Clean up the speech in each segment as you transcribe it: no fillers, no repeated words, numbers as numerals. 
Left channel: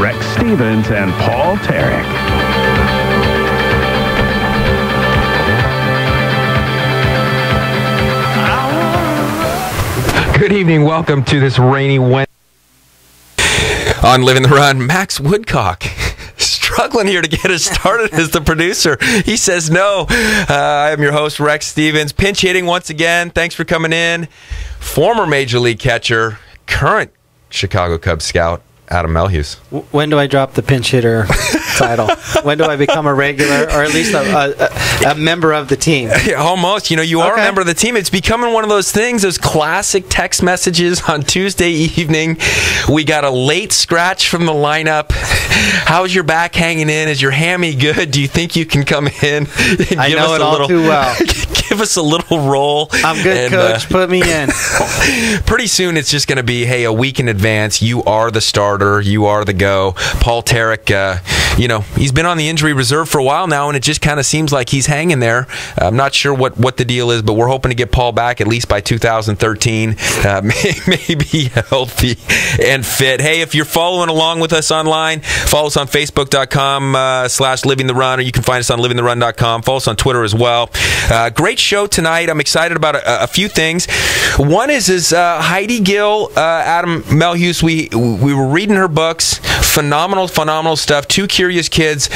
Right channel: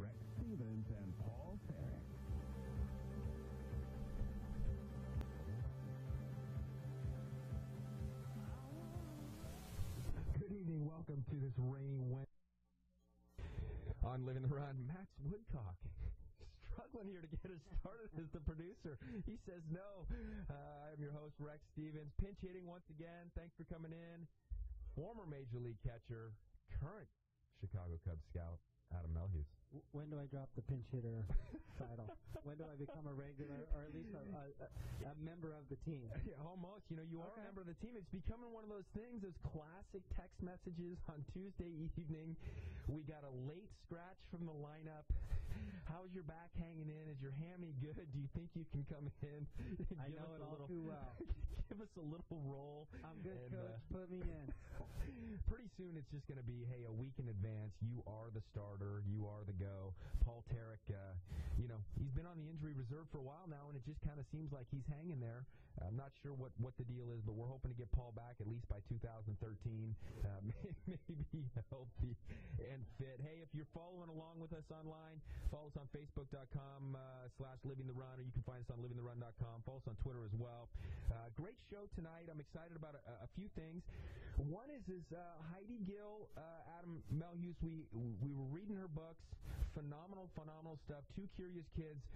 Rex Stevens and Paul Tarek. Good evening. Welcome to this rainy Wednesday on Living the Run. Max Woodcock struggling here to get us started as the producer. He says no. I am your host, Rex Stevens. Pinch hitting once again. Thanks for coming in. Former Major League catcher, current Chicago Cubs scout, Adam Melhuse. When do I drop the pinch hitter title? When do I become a regular, or at least a member of the team? Almost. You are a member of the team. It's becoming one of those things, those classic text messages on Tuesday evening. We got a late scratch from the lineup. How's your back hanging in? Is your hammy good? Do you think you can come in? I know it all too well. Give us a little roll. I'm good, Coach. Put me in. Pretty soon it's just going to be, hey, a week in advance. You are the starter. You are the go. Paul Tarek, he's been on the injury reserve for a while now, and it just kind of seems like he's hanging there. I'm not sure what the deal is, but we're hoping to get Paul back at least by 2013. Maybe healthy and fit. Hey, if you're following along with us online, follow us on Facebook.com/Living the Run, or you can find us on livingtherun.com. Follow us on Twitter as well. Great show tonight. I'm excited about a few things. One is Heidi, Gill, Adam Melhuse. We were reading her books. Phenomenal stuff. Two Curious Kids.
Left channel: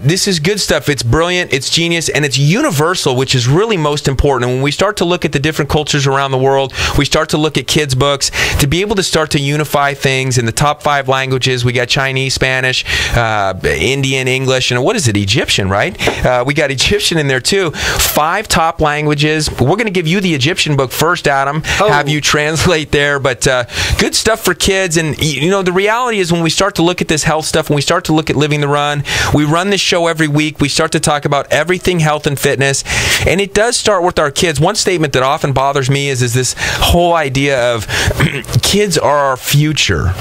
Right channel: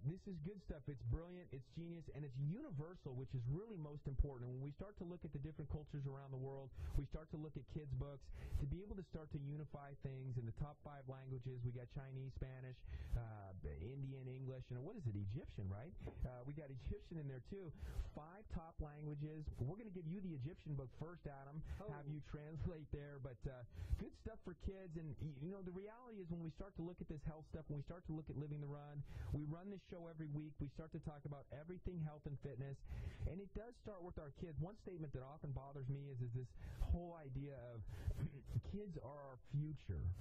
This is good stuff. It's brilliant, it's genius, and it's universal, which is really most important. And when we start to look at the different cultures around the world, we start to look at kids' books, to be able to start to unify things in the top 5 languages. We got Chinese, Spanish, Indian, English, and what is it? Egyptian, right? We got Egyptian in there too. 5 top languages. We're going to give you the Egyptian book first, Adam. Have you translate there. But good stuff for kids. And, the reality is when we start to look at this health stuff, when we start to look at Living the Run, we run this show every week. We start to talk about everything health and fitness. And it does start with our kids. One statement that often bothers me is this whole idea of kids are our future.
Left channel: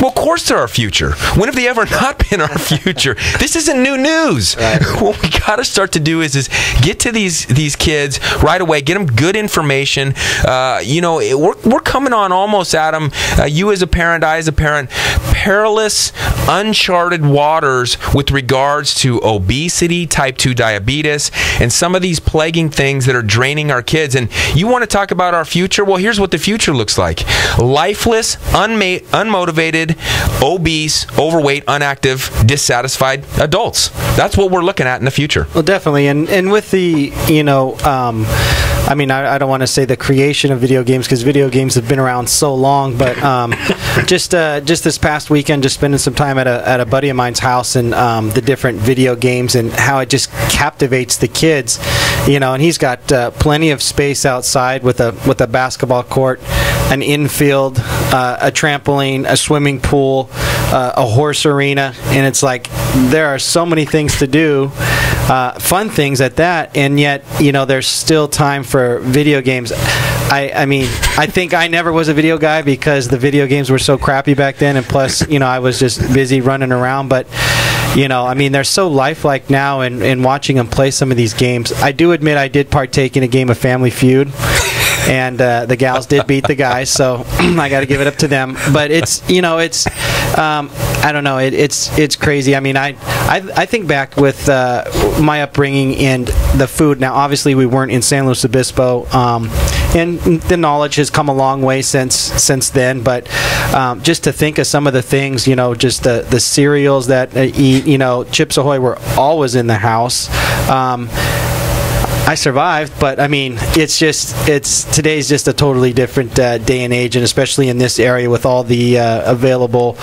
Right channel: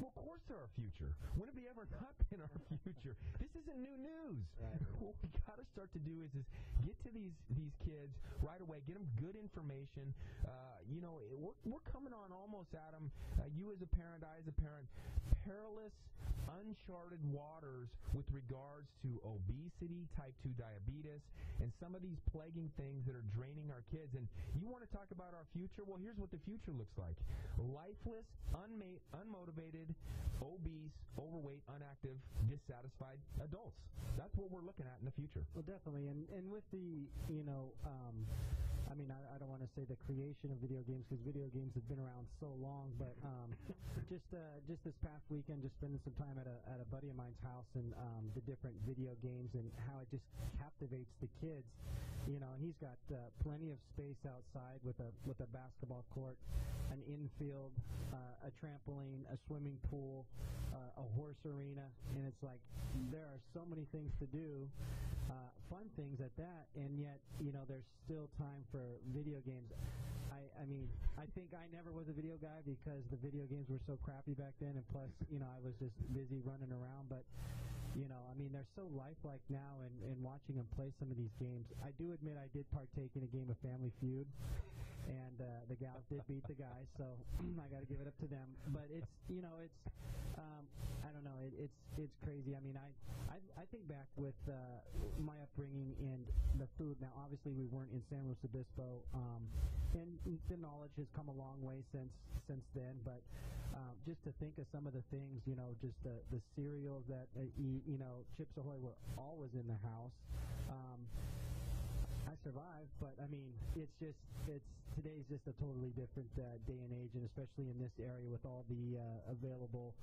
Well, of course they're our future. When have they ever not been our future? This isn't new news. Right. What we got to start to do is get to these kids right away, get them good information. We're coming on almost, Adam, you as a parent, I as a parent, perilous, uncharted waters with regards to obesity, type 2 diabetes, and some of these plaguing things that are draining our kids. And you want to talk about our future? Well, here's what the future looks like. Lifeless, unmotivated, obese, overweight, inactive, dissatisfied adults. That's what we're looking at in the future. Well, definitely. And with the, I don't want to say the creation of video games, because video games have been around so long, but just this past weekend, just spending some time at a buddy of mine's house, and the different video games and how it just captivates the kids, and he's got plenty of space outside with a basketball court, an infield, a trampoline, a swimming pool, a horse arena, and it's like there are so many things to do, fun things at that, and yet there's still time for video games. I think I never was a video guy because the video games were so crappy back then, and plus I was just busy running around, but they're so lifelike now, and watching them play some of these games. I do admit I did partake in a game of Family Feud, and the gals did beat the guys, so I got to give it up to them. But it's I don't know, it's crazy. I think back with my upbringing and the food. Now, obviously, we weren't in San Luis Obispo, and the knowledge has come a long way since then. But just to think of some of the things, just the cereals that I eat, Chips Ahoy were always in the house. I survived, but today's just a totally different day and age, and especially in this area with all the available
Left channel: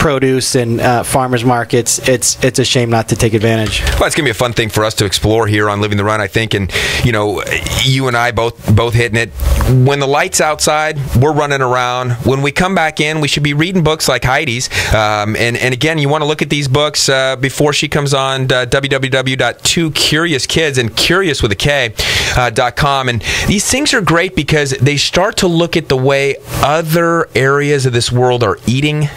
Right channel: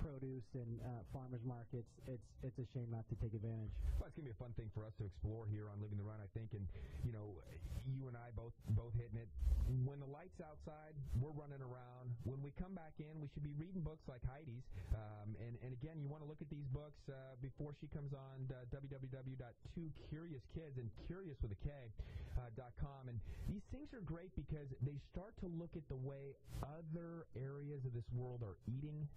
produce and farmers markets, it's a shame not to take advantage. Well, it's gonna be a fun thing for us to explore here on Living the Run, I think, and you and I both hitting it. When the light's outside, we're running around. When we come back in, we should be reading books like Heidi's, and again, you want to look at these books before she comes on. www.2CuriousKids, and Curious with a K.com. And these things are great because they start to look at the way other areas of this world are eating,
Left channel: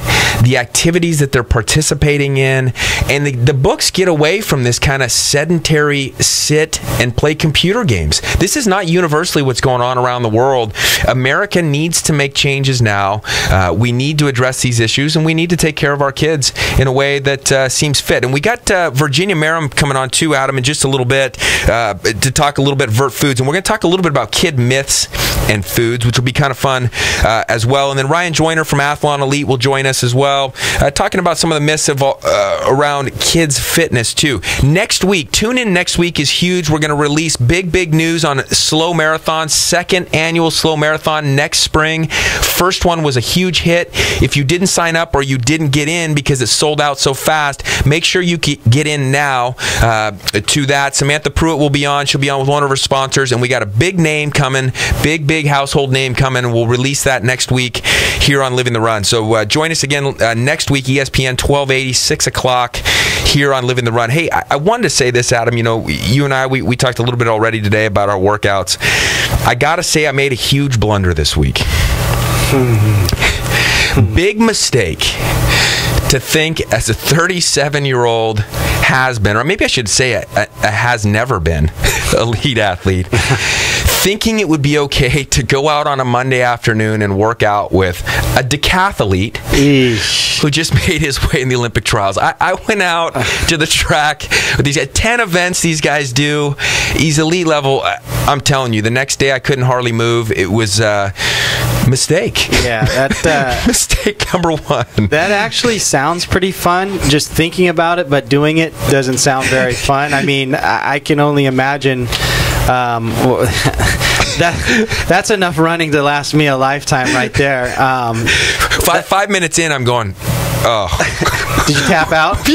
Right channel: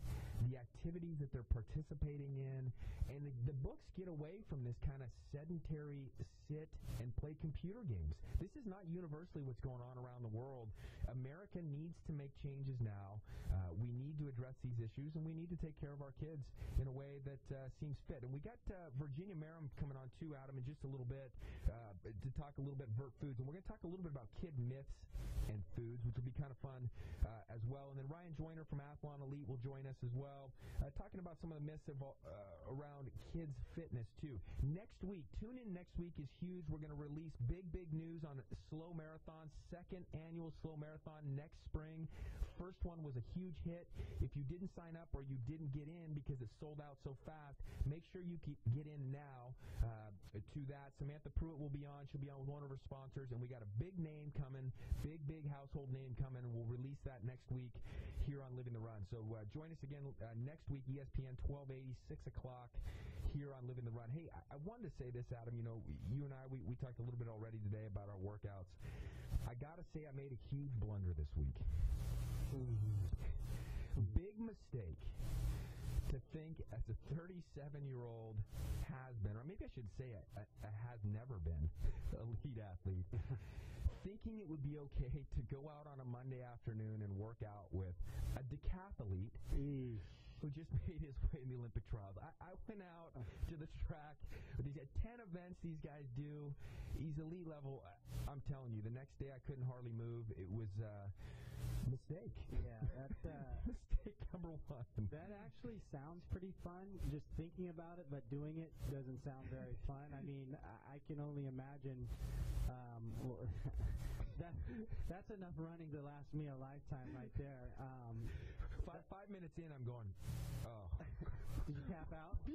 the activities that they're participating in, and the books get away from this kind of sedentary sit and play computer games. This is not universally what's going on around the world. America needs to make changes now. We need to address these issues, and we need to take care of our kids in a way that seems fit. And we got Virginia Merrim coming on too, Adam, in just a little bit to talk a little bit Vert Foods. And we're going to talk a little bit about kid myths and foods, which will be kind of fun as well. And then Ryan Joyner from Athlon Elite will join us as well, talking about some of the myths around kids' fitness too. Next week, tune in. Next week is huge. We're going to release big news on Slow Marathon, second annual Slow Marathon next spring. First one was a huge hit. If you didn't sign up or you didn't get in because it sold out so fast, make sure you get in now to that. Samantha Pruitt will be on. She'll be on with one of her sponsors, and we got a big name coming, big household name coming, and we'll release that next week here on Living the Run. So join us again next week, ESPN 1280, 6 o'clock here on Living the Run. Hey, I wanted to say this, Adam. You know, you and I, we talked a little bit already today about our workouts. I got to say I made a huge blunder this week. Big mistake to think as a 37-year-old has-been, or maybe I should say a has-never-been elite athlete, thinking it would be okay to go out on a Monday afternoon and work out with a decathlete who just made his way in the Olympic trials. I went out to the track with these 10 events these guys do. He's elite level. I'm telling you, the next day I couldn't hardly move. It was mistake. Yeah, that mistake number one. That actually sounds pretty fun, just thinking about it, but doing it doesn't sound very fun. I mean, I can only imagine that's enough running to last me a lifetime right there. 5 minutes in, I'm going, oh. Did you tap out?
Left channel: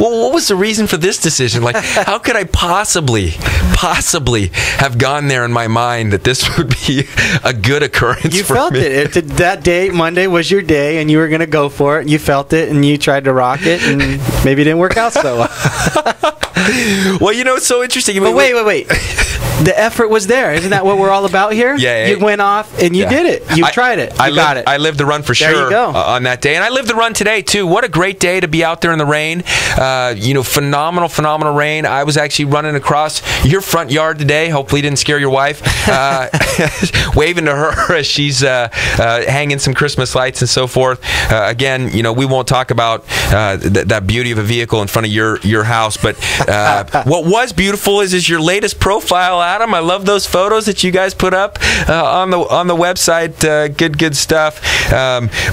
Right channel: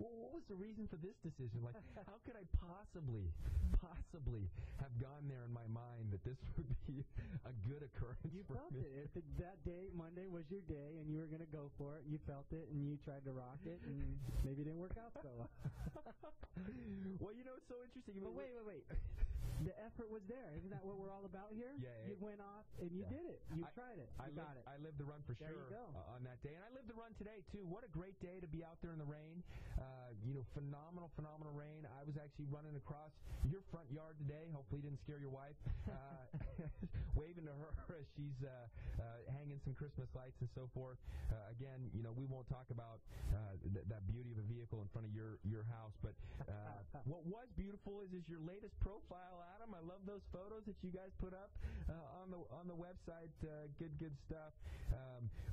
Well, what was the reason for this decision? Like, how could I possibly have gone there in my mind that this would be a good occurrence for me? You felt it. That day, Monday, was your day, and you were going to go for it, and you felt it, and you tried to rock it, and maybe it didn't work out so well. Well, you know, it's so interesting. But wait. The effort was there. Isn't that what we're all about here? Yeah. You went off and you did it. You tried it. You got it. I lived the run for sure. There you go. On that day. And I lived the run today, too. What a great day to be out there in the rain. Phenomenal rain. I was actually running across your front yard today. Hopefully didn't scare your wife. Waving to her as she's hanging some Christmas lights and so forth. Again, we won't talk about that beauty of a vehicle in front of your house. But what was beautiful is your latest profile, Adam. I love those photos that you guys put up on the website. Good stuff.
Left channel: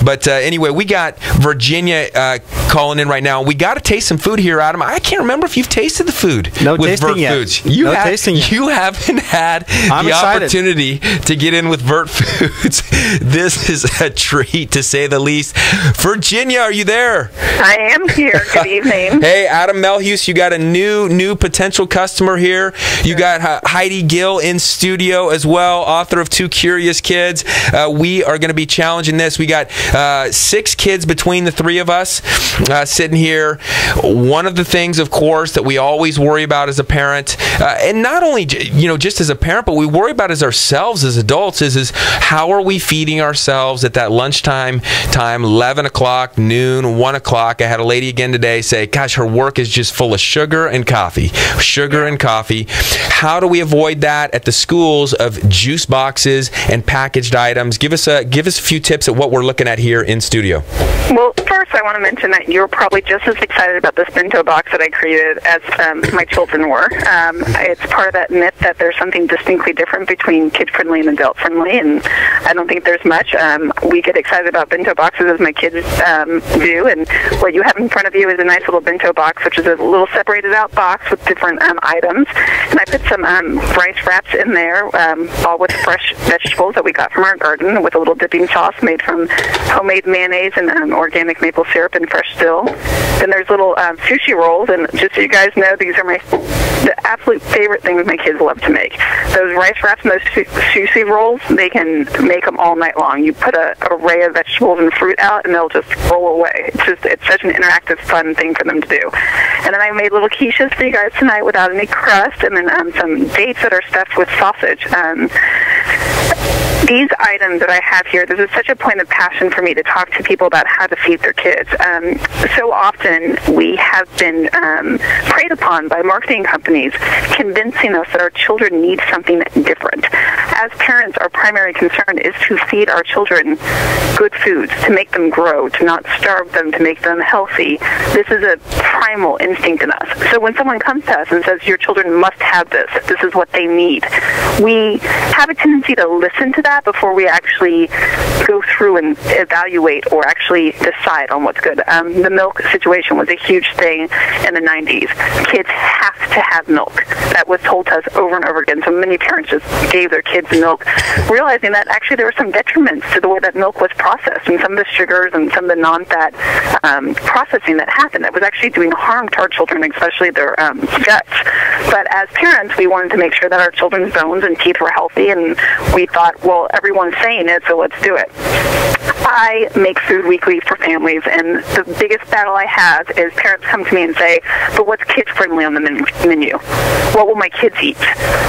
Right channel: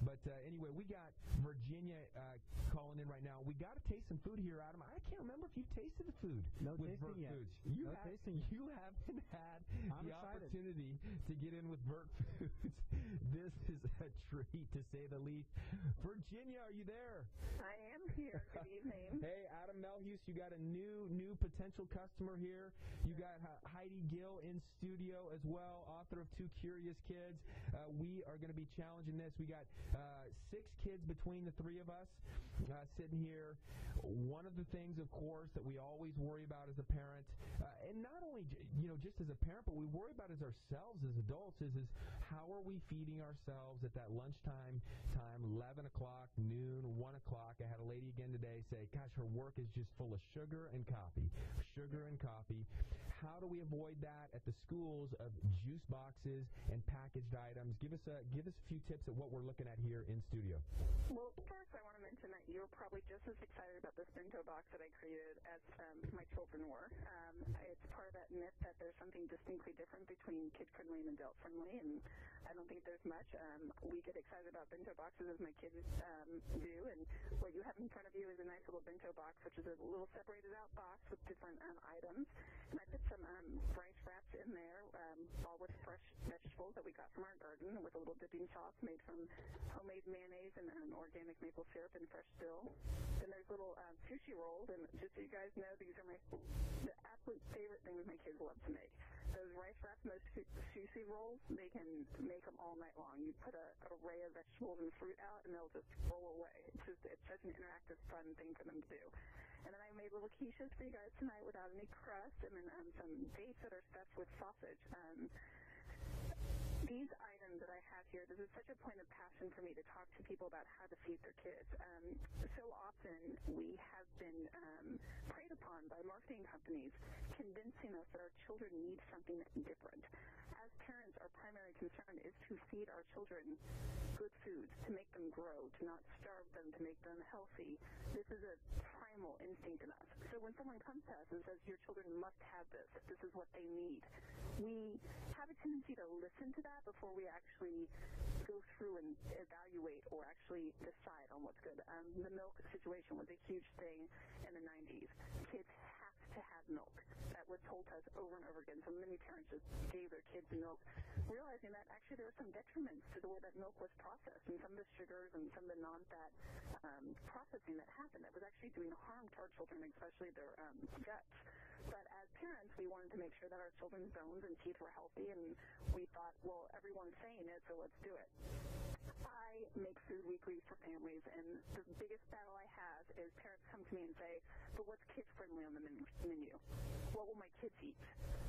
But anyway, we got Virginia calling in right now. We got to taste some food here, Adam. I can't remember if you've tasted the food with Vert Foods. You haven't had the opportunity to get in with Vert Foods. This is a treat, to say the least. Virginia, are you there? I am here. Good evening. Hey, Adam Melhuse, you got a new potential customer here. You got Heidi Gill in studio as well, author of Two Curious Kids. We are going to be challenging this. We got 6 kids between the three of us sitting here. One of the things, of course, that we always worry about as a parent, and not only just as a parent, but we worry about as ourselves as adults, is how are we feeding ourselves at that lunchtime time, 11 o'clock, noon, 1 o'clock. I had a lady again today say, gosh, her work is just full of sugar and coffee. How do we avoid that at the schools of juice boxes and packaged items? Give us a few tips at what we're looking at here in studio. Well, first I want to mention that you're probably just as excited about this bento box that I created as my children were. It's part of that myth that there's something distinctly different between kid-friendly and adult-friendly, and I don't think there's much. We get excited about bento boxes as my kids do, and what you have in front of you is a nice little bento box, which is a little separated-out box with different items, and I put some rice wraps in there, all with fresh vegetables that we got from our garden, with a little dipping sauce made from homemade mayonnaise and organic maple syrup and fresh dill. Then there's little sushi rolls, and just so you guys know, these are the absolute favorite things my kids love to make. Those rice wraps and those sushi rolls, they can make them all night long. You put an array of vegetables and fruit out, and they'll just roll away. It's such an interactive, fun thing for them to do. And then I made little quiches for you guys tonight without any crust, and then some dates that are stuffed with sausage. These items that I have here, this is such a point of passion for me to talk to people about how to feed their kids. So often we have been preyed upon by marketing companies convincing us that our children need something different. As parents, our primary concern is to feed our children good foods, to make them grow, to not starve them, to make them healthy. This is a primal instinct in us. So when someone comes to us and says, your children must have this is what they need, we have a tendency to listen to that before we actually go through and evaluate or actually decide on what's good. The milk situation was a huge thing in the 90s. Kids have to have milk. That was told to us over and over again. So many parents just gave their kids milk, realizing that actually there were some detriments to the way that milk was processed and some of the sugars and some of the non-fat processing that happened that was actually doing harm to our children, especially their guts. But as parents, we wanted to make sure that our children's bones and teeth were healthy, and we thought, well, everyone's saying it, so let's do it. I make food weekly for families, and the biggest battle I have is parents come to me and say, but what's kids-friendly on the menu? What will my kids eat?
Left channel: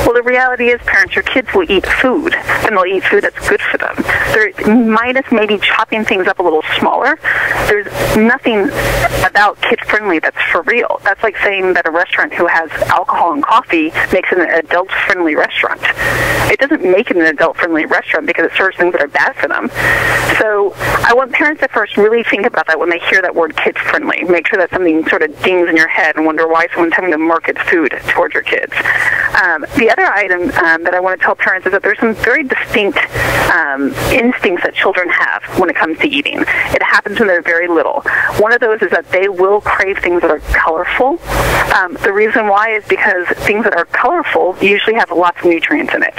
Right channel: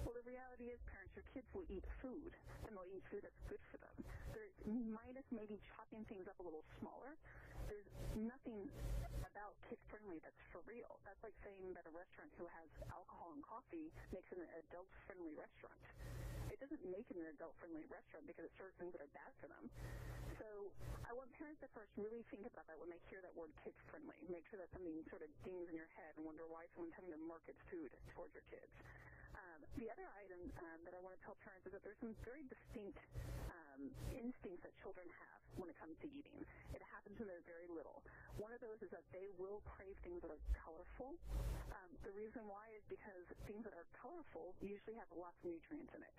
Well, the reality is, parents, your kids will eat food, and they'll eat food that's good for them. They're minus maybe chopping things up a little smaller. There's nothing about kid-friendly that's for real. That's like saying that a restaurant who has alcohol and coffee makes it an adult-friendly restaurant. It doesn't make it an adult-friendly restaurant because it serves things that are bad for them. So I want parents to first really think about that when they hear that word kids-friendly. Make sure that something sort of dings in your head and wonder why someone's having to market food towards your kids. The other item that I want to tell parents is that there's some very distinct instincts that children have when it comes to eating. It happens when they're very little. One of those is that they will crave things that are colorful. The reason why is because things that are colorful usually have lots of nutrients in it.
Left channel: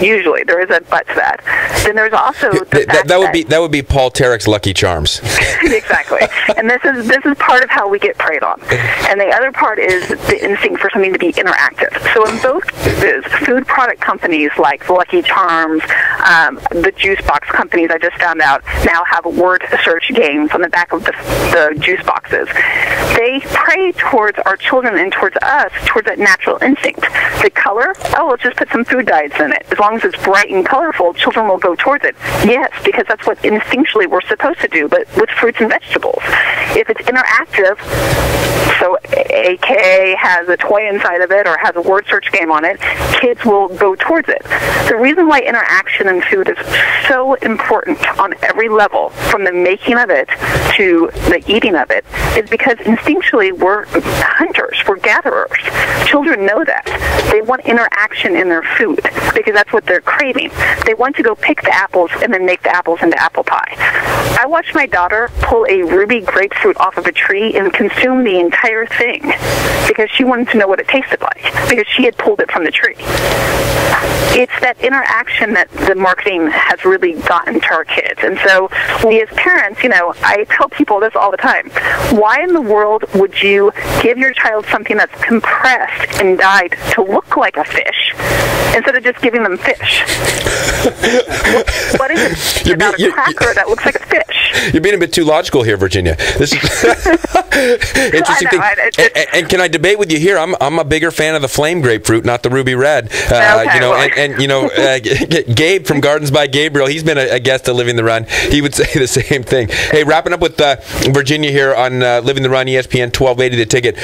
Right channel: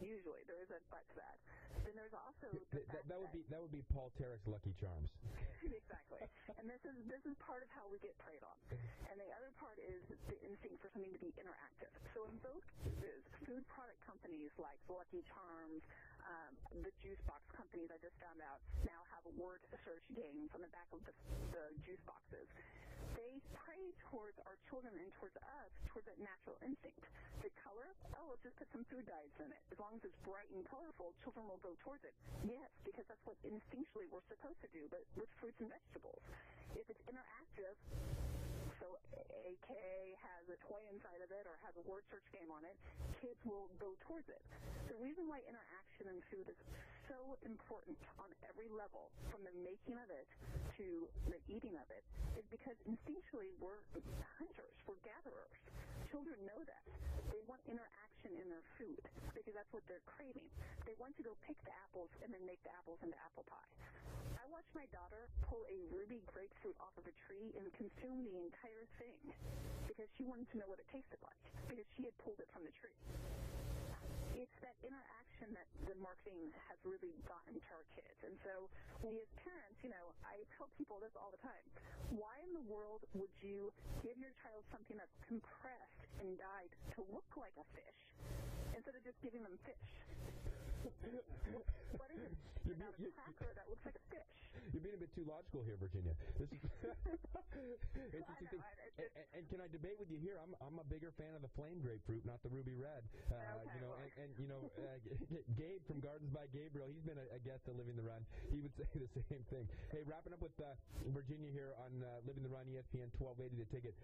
Usually. There is a but to that. Then there's also that would be Paul Tarek's Lucky Charms. Exactly. And this is part of how we get preyed on. And the other part is the instinct for something to be interactive. So in both cases, food product companies like Lucky Charms, the juice box companies I just found out now have word search games on the back of the juice boxes. They prey towards our children and towards us, towards that natural instinct. The color, let's just put some food dyes in it. As long as it's bright and colorful, children will go towards it. Yes, because that's what instinctually we're supposed to do, but with fruits and vegetables. If it's interactive, so AKA has a toy inside of it or has a word search game on it, kids will go towards it. The reason why interaction in food is so important on every level, from the making of it to the eating of it, is because instinctually we're hunters, we're gatherers. Children know that. They want interaction in their food because that's what they're craving. They want to go pick the apples and then make the apples into apple pie. I watched my daughter pull a ruby grapefruit off of a tree and consume the entire thing because she wanted to know what it tasted like because she had pulled it from the tree. It's that interaction that the marketing has really gotten to our kids. And so we as parents, I tell people this all the time. Why in the world would you give your child something that's compressed and dyed to look like a fish instead of just giving them fish? What is it about a cracker that looks like a fish? You're being a bit too logical here, Virginia. This is interesting thing. And can I debate with you here? I'm a bigger fan of the flame grapefruit, not the ruby red. Gabe from Gardens by Gabriel, he's been a guest to Living the Run. He would say the same thing. Hey, wrapping up with Virginia here on Living the Run, ESPN 1280 The Ticket.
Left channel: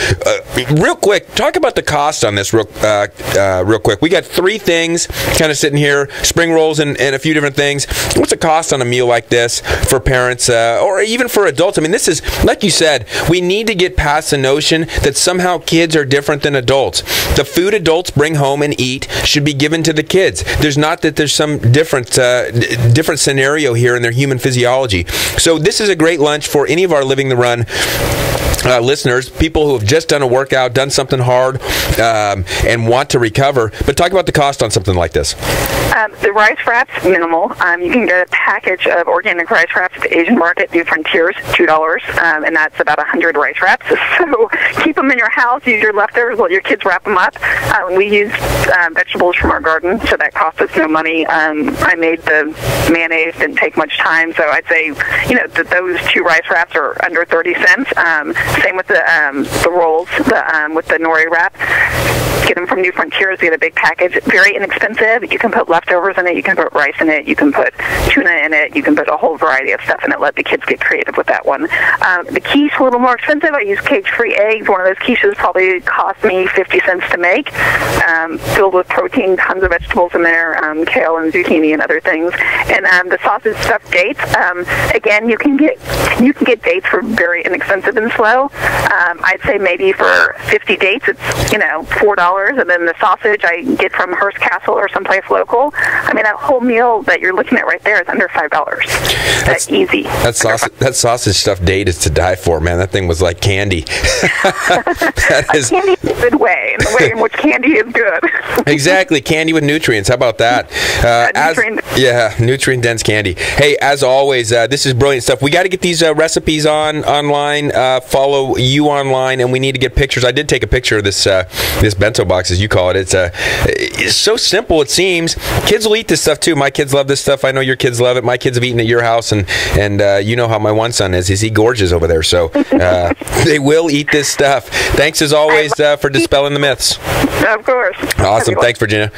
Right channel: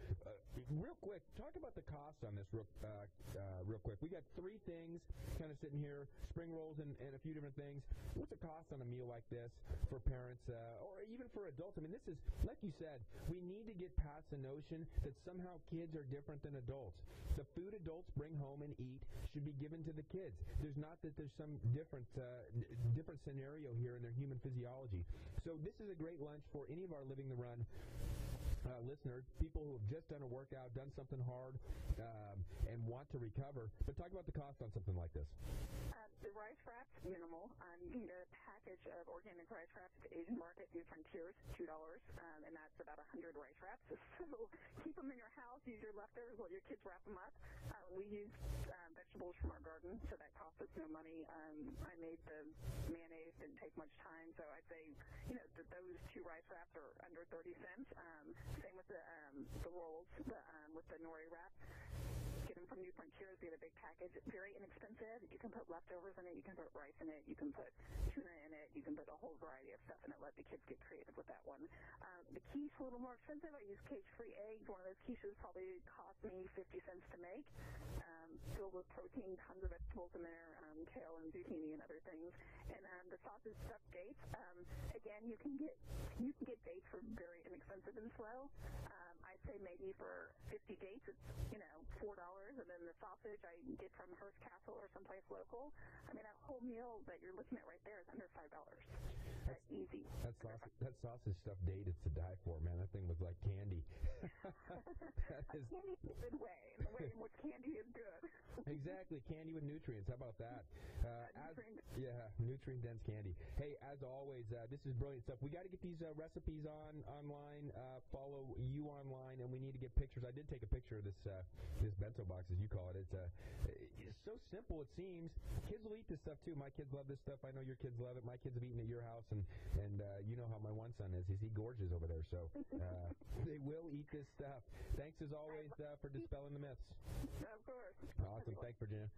Real quick, talk about the cost on this real quick. We got three things kind of sitting here, spring rolls and a few different things. What's the cost on a meal like this for parents or even for adults? I mean, this is, like you said, we need to get past the notion that somehow kids are different than adults. The food adults bring home and eat should be given to the kids. There's not that there's some different scenario here in their human physiology. So this is a great lunch for any of our Living the Run listeners, people who have just done a workout, done something hard, and want to recover. But talk about the cost on something like this. The rice wraps, minimal. You can get a package of organic rice wraps at the Asian market, New Frontiers, $2, and that's about 100 rice wraps. So keep them in your house. Use your leftovers. Let your kids wrap them up. We use vegetables from our garden, so that costs us no money. I made the mayonnaise, didn't take much time, so I'd say, those 2 rice wraps are under 30 cents. Same with the rolls, with the nori wrap. Get them from New Frontiers. Get a big package. Very inexpensive. You can put leftovers in it. You can put rice in it. You can put tuna in it. You can put a whole variety of stuff in it. Let the kids get creative with that one. The quiche, a little more expensive. I use cage-free eggs. One of those quiches probably cost me 50 cents to make. Filled with protein, tons of vegetables in there, kale and zucchini and other things. And the sausage stuffed dates. Again, you can get dates for very inexpensive and slow. I'd say maybe for 50 dates, it's $4, and then the sausage I get from Hearst Castle or someplace local. I mean, that whole meal that you're looking at right there is under $5. That's easy. That sausage stuffed date is to die for, man. That thing was like candy. Candy in a good way, in the way in which candy is good. Exactly, candy with nutrients. How about that? Nutrient-dense candy. Hey, as always, this is brilliant stuff. We got to get these recipes online. Follow you online, and we need to get pictures. I did take a picture of this bento box, as you call it. It's so simple, it seems. Kids will eat this stuff too. My kids love this stuff. I know your kids love it. My kids have eaten at your house, and you know how my one son is. He gorges over there, so they will eat this stuff. Thanks as always for dispelling the myths. Of course. Awesome. Thanks, Virginia.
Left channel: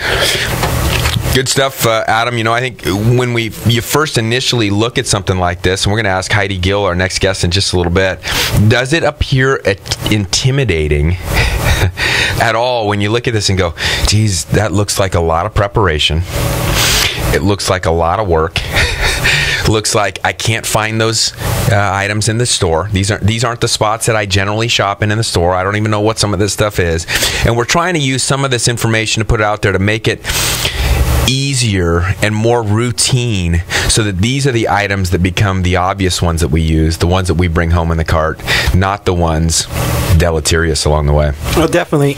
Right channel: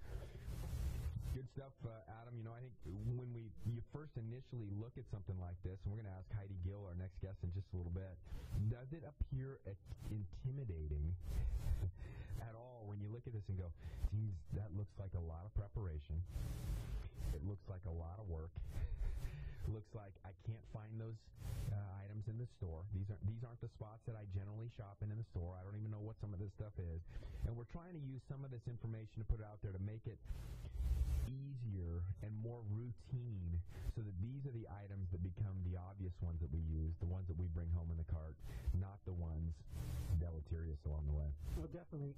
Good stuff, Adam. I think when you first initially look at something like this, and we're going to ask Heidi Gill, our next guest, in just a little bit, does it appear intimidating at all when you look at this and go, geez, that looks like a lot of preparation. It looks like a lot of work. Looks like I can't find those items in the store. These aren't the spots that I generally shop in the store. I don't even know what some of this stuff is. And we're trying to use some of this information to put it out there to make it easier and more routine, so that these are the items that become the obvious ones that we use, the ones that we bring home in the cart, not the ones deleterious along the way. Well, definitely.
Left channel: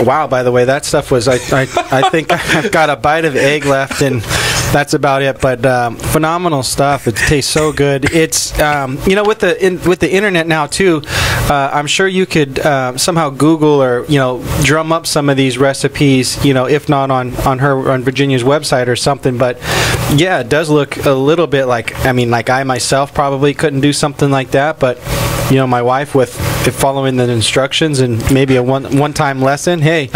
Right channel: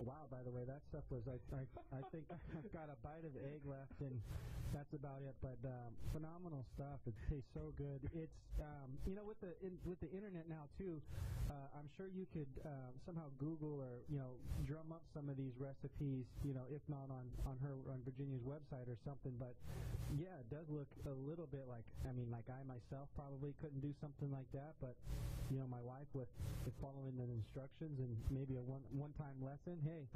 Wow, by the way, that stuff was, I think I've got a bite of egg left, and that's about it. But phenomenal stuff. It tastes so good. It's, with the internet now, too, I'm sure you could somehow Google or, drum up some of these recipes, if not on Virginia's website or something. But, yeah, it does look a little bit like I myself probably couldn't do something like that. But, my wife with following the instructions and maybe a one-time lesson, hey,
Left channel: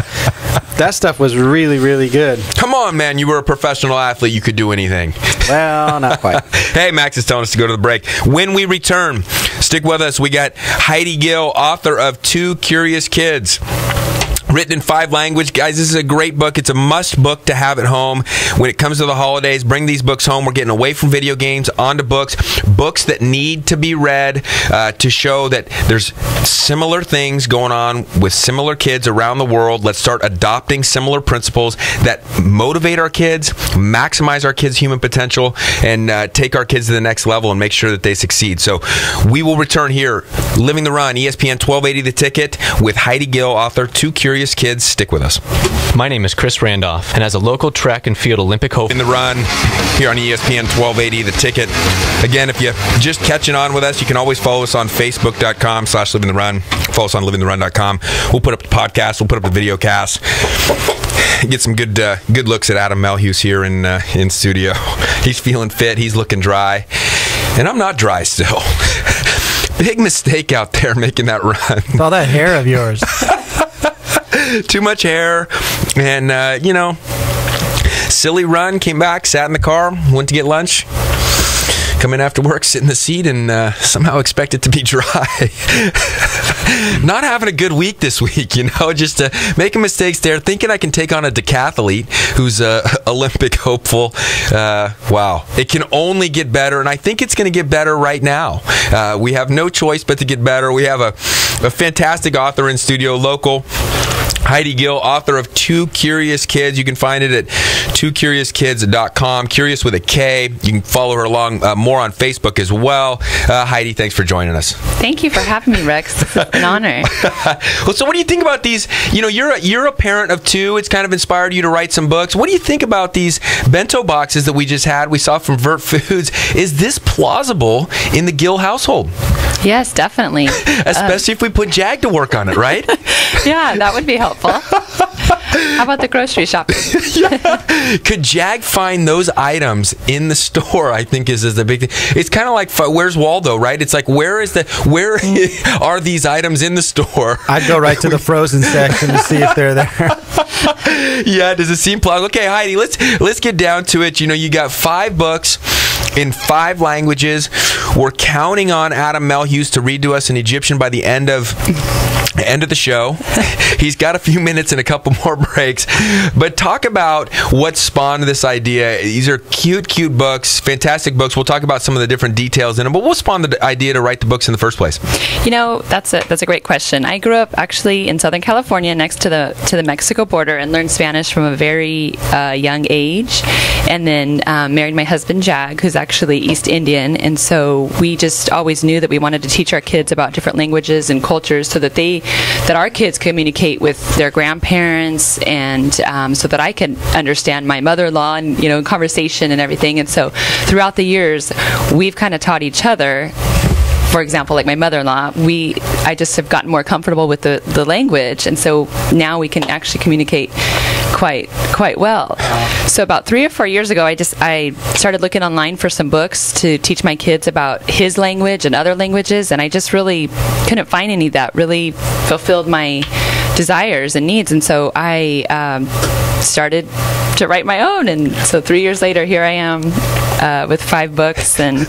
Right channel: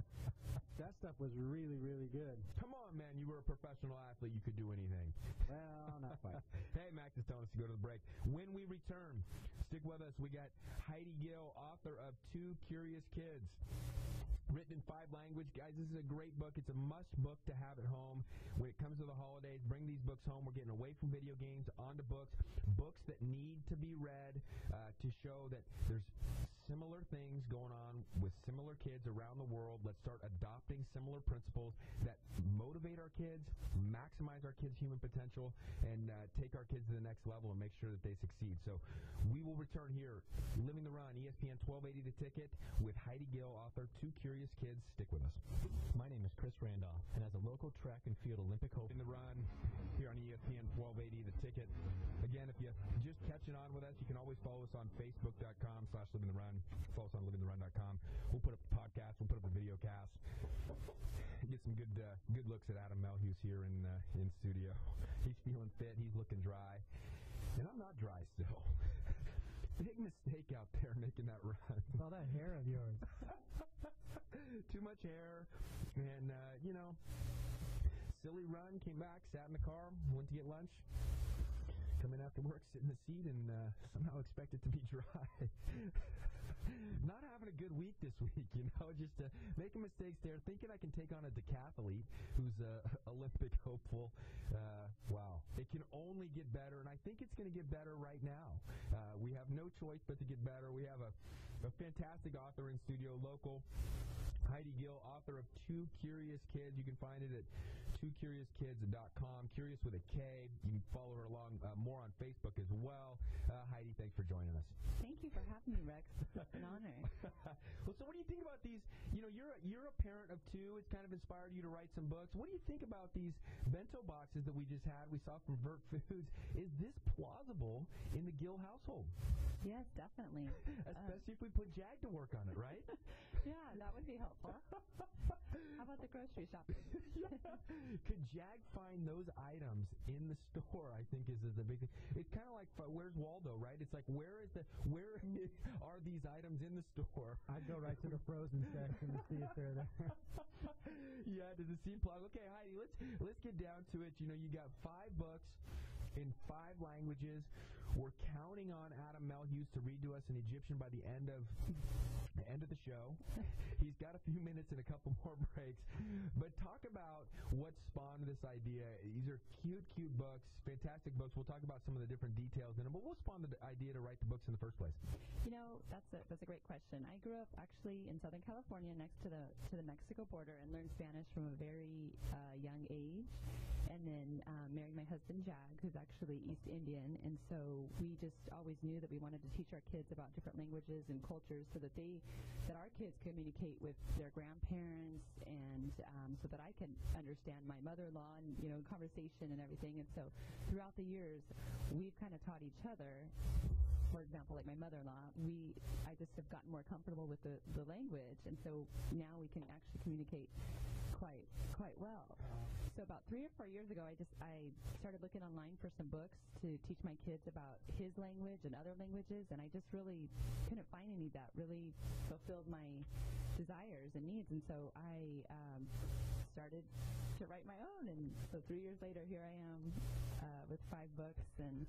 that stuff was really, really good. Come on, man. You were a professional athlete. You could do anything. Well, not quite. Hey, Max is telling us to go to the break. When we return, stick with us. We got Heidi Gill, author of 2 Curious Kids. Written in 5 languages. Guys, this is a great book. It's a must book to have at home. When it comes to the holidays, bring these books home. We're getting away from video games, onto books. Books that need to be read to show that there's similar things going on with similar kids around the world. Let's start adopting similar principles that motivate our kids, maximize our kids' human potential, and take our kids to the next level and make sure that they succeed. So we will return here. Living the Run, ESPN 1280 The Ticket, with Heidi Gill, author, 2 Curious Kids. Stick with us. My name is Chris Randolph, and as a local track and field Olympic hope in the Run here on ESPN 1280 The Ticket. Again, if you're just catching on with us, you can always follow us on Facebook.com/LivingTheRun. Follow us on LivingTheRun.com. We'll put up the podcast. We'll put up the videocast. Get some good looks at Adam Melhuse here in studio. He's feeling fit. He's looking dry, and I'm not dry still. Big mistake out there making that run. It's all that hair of yours. Too much hair, and silly run. Came back, sat in the car, went to get lunch. Come in after work, sit in the seat, and somehow expect it to be dry. Not having a good week this week, just making mistakes there, thinking I can take on a decathlete who's a Olympic hopeful. Wow. It can only get better, and I think it's going to get better right now. We have no choice but to get better. We have a fantastic author in studio, local. Heidi Gill, author of Two Curious Kids. You can find it at twocuriouskids.com. Curious with a K. You can follow her along more on Facebook as well. Heidi, thanks for joining us. Thank you for having me, Rex. This is an honor. Well, so what do you think about these? You know, you're a parent of two. It's kind of inspired you to write some books. What do you think about these bento boxes that we just had? We saw from Vert Foods. Is this plausible in the Gill household? Yes, definitely. Especially if we put Jag to work on it, right? Yeah, that would be helpful. How about the grocery shopping? Could Jag find those items in the store? I think is the big thing. It's kind of like Where's Waldo, right? It's like where are these items in the store? I'd go right to the frozen section to see if they're there. Yeah, does it seem plausible? Okay, Heidi, let's get down to it. You know, you got 5 books in 5 languages. We're counting on Adam Melhuse to read to us in Egyptian by the end of the show. He's got a few minutes and a couple more breaks. But talk about what spawned this idea. These are cute books, fantastic books. We'll talk about some of the different details in them. But what spawned the idea to write the books in the first place? You know, that's a great question. I grew up actually in Southern California, next to the Mexico border, and learned Spanish from a very young age. And then married my husband Jag, who's actually East Indian. And so we just always knew that we wanted to teach our kids about different languages and cultures, so that our kids communicate with their grandparents, and so that I can understand my mother-in-law and, you know, conversation and everything. And so throughout the years, we've kind of taught each other. For example, like my mother-in-law, I just have gotten more comfortable with the language, and so now we can actually communicate quite well. So about 3 or 4 years ago, I started looking online for some books to teach my kids about his language and other languages, and I just really couldn't find any that really fulfilled my desires and needs, and so I started to write my own. And so 3 years later, here I am with 5 books, and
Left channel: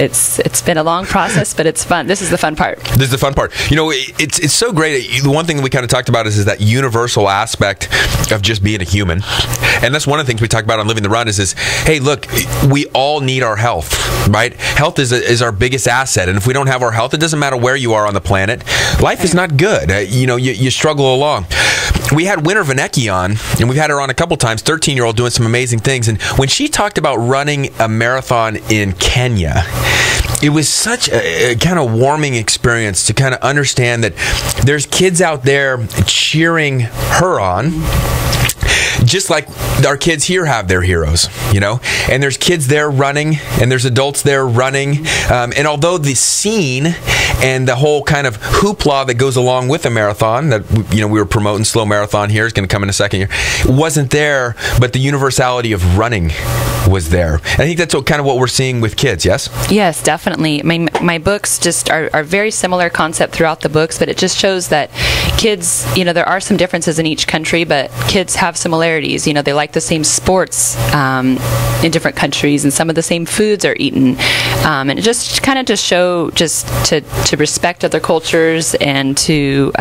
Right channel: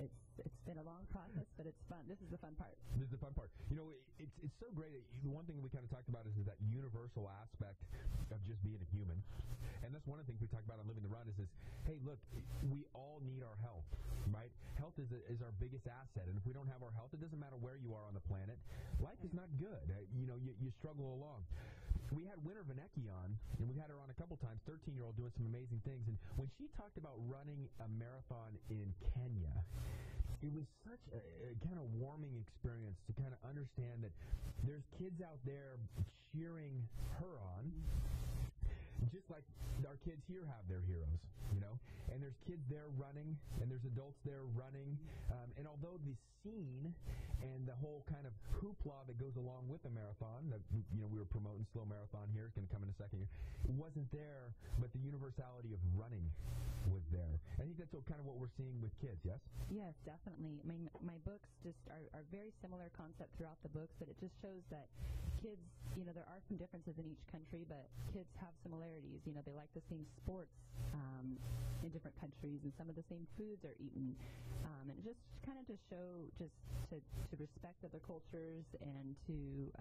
it's been a long process, but it's fun. This is the fun part. This is the fun part. You know, it's so great. The one thing that we kind of talked about is that universal aspect of just being a human. And that's one of the things we talk about on Living the Run is hey, look, we all need our health, right? Health is our biggest asset. And if we don't have our health, it doesn't matter where you are on the planet. Life is not good. You struggle along. We had Winter Vanecki on, and we've had her on a couple times, 13-year-old doing some amazing things. And when she talked about running a marathon in Kenya, it was such a kind of warming experience to kind of understand that there's kids out there cheering her on, just like our kids here have their heroes, you know, and there's kids there running, and there's adults there running, and although the scene and the whole kind of hoopla that goes along with a marathon that, you know, we were promoting slow marathon here, is going to come in a second here, wasn't there, but the universality of running was there. And I think that's kind of what we're seeing with kids. Yes definitely. My books just are very similar concept throughout the books, but it just shows that kids, you know, there are some differences in each country, but kids have similarities. You know, they like the same sports in different countries, and some of the same foods are eaten, and it just kind of just show just to respect other cultures and to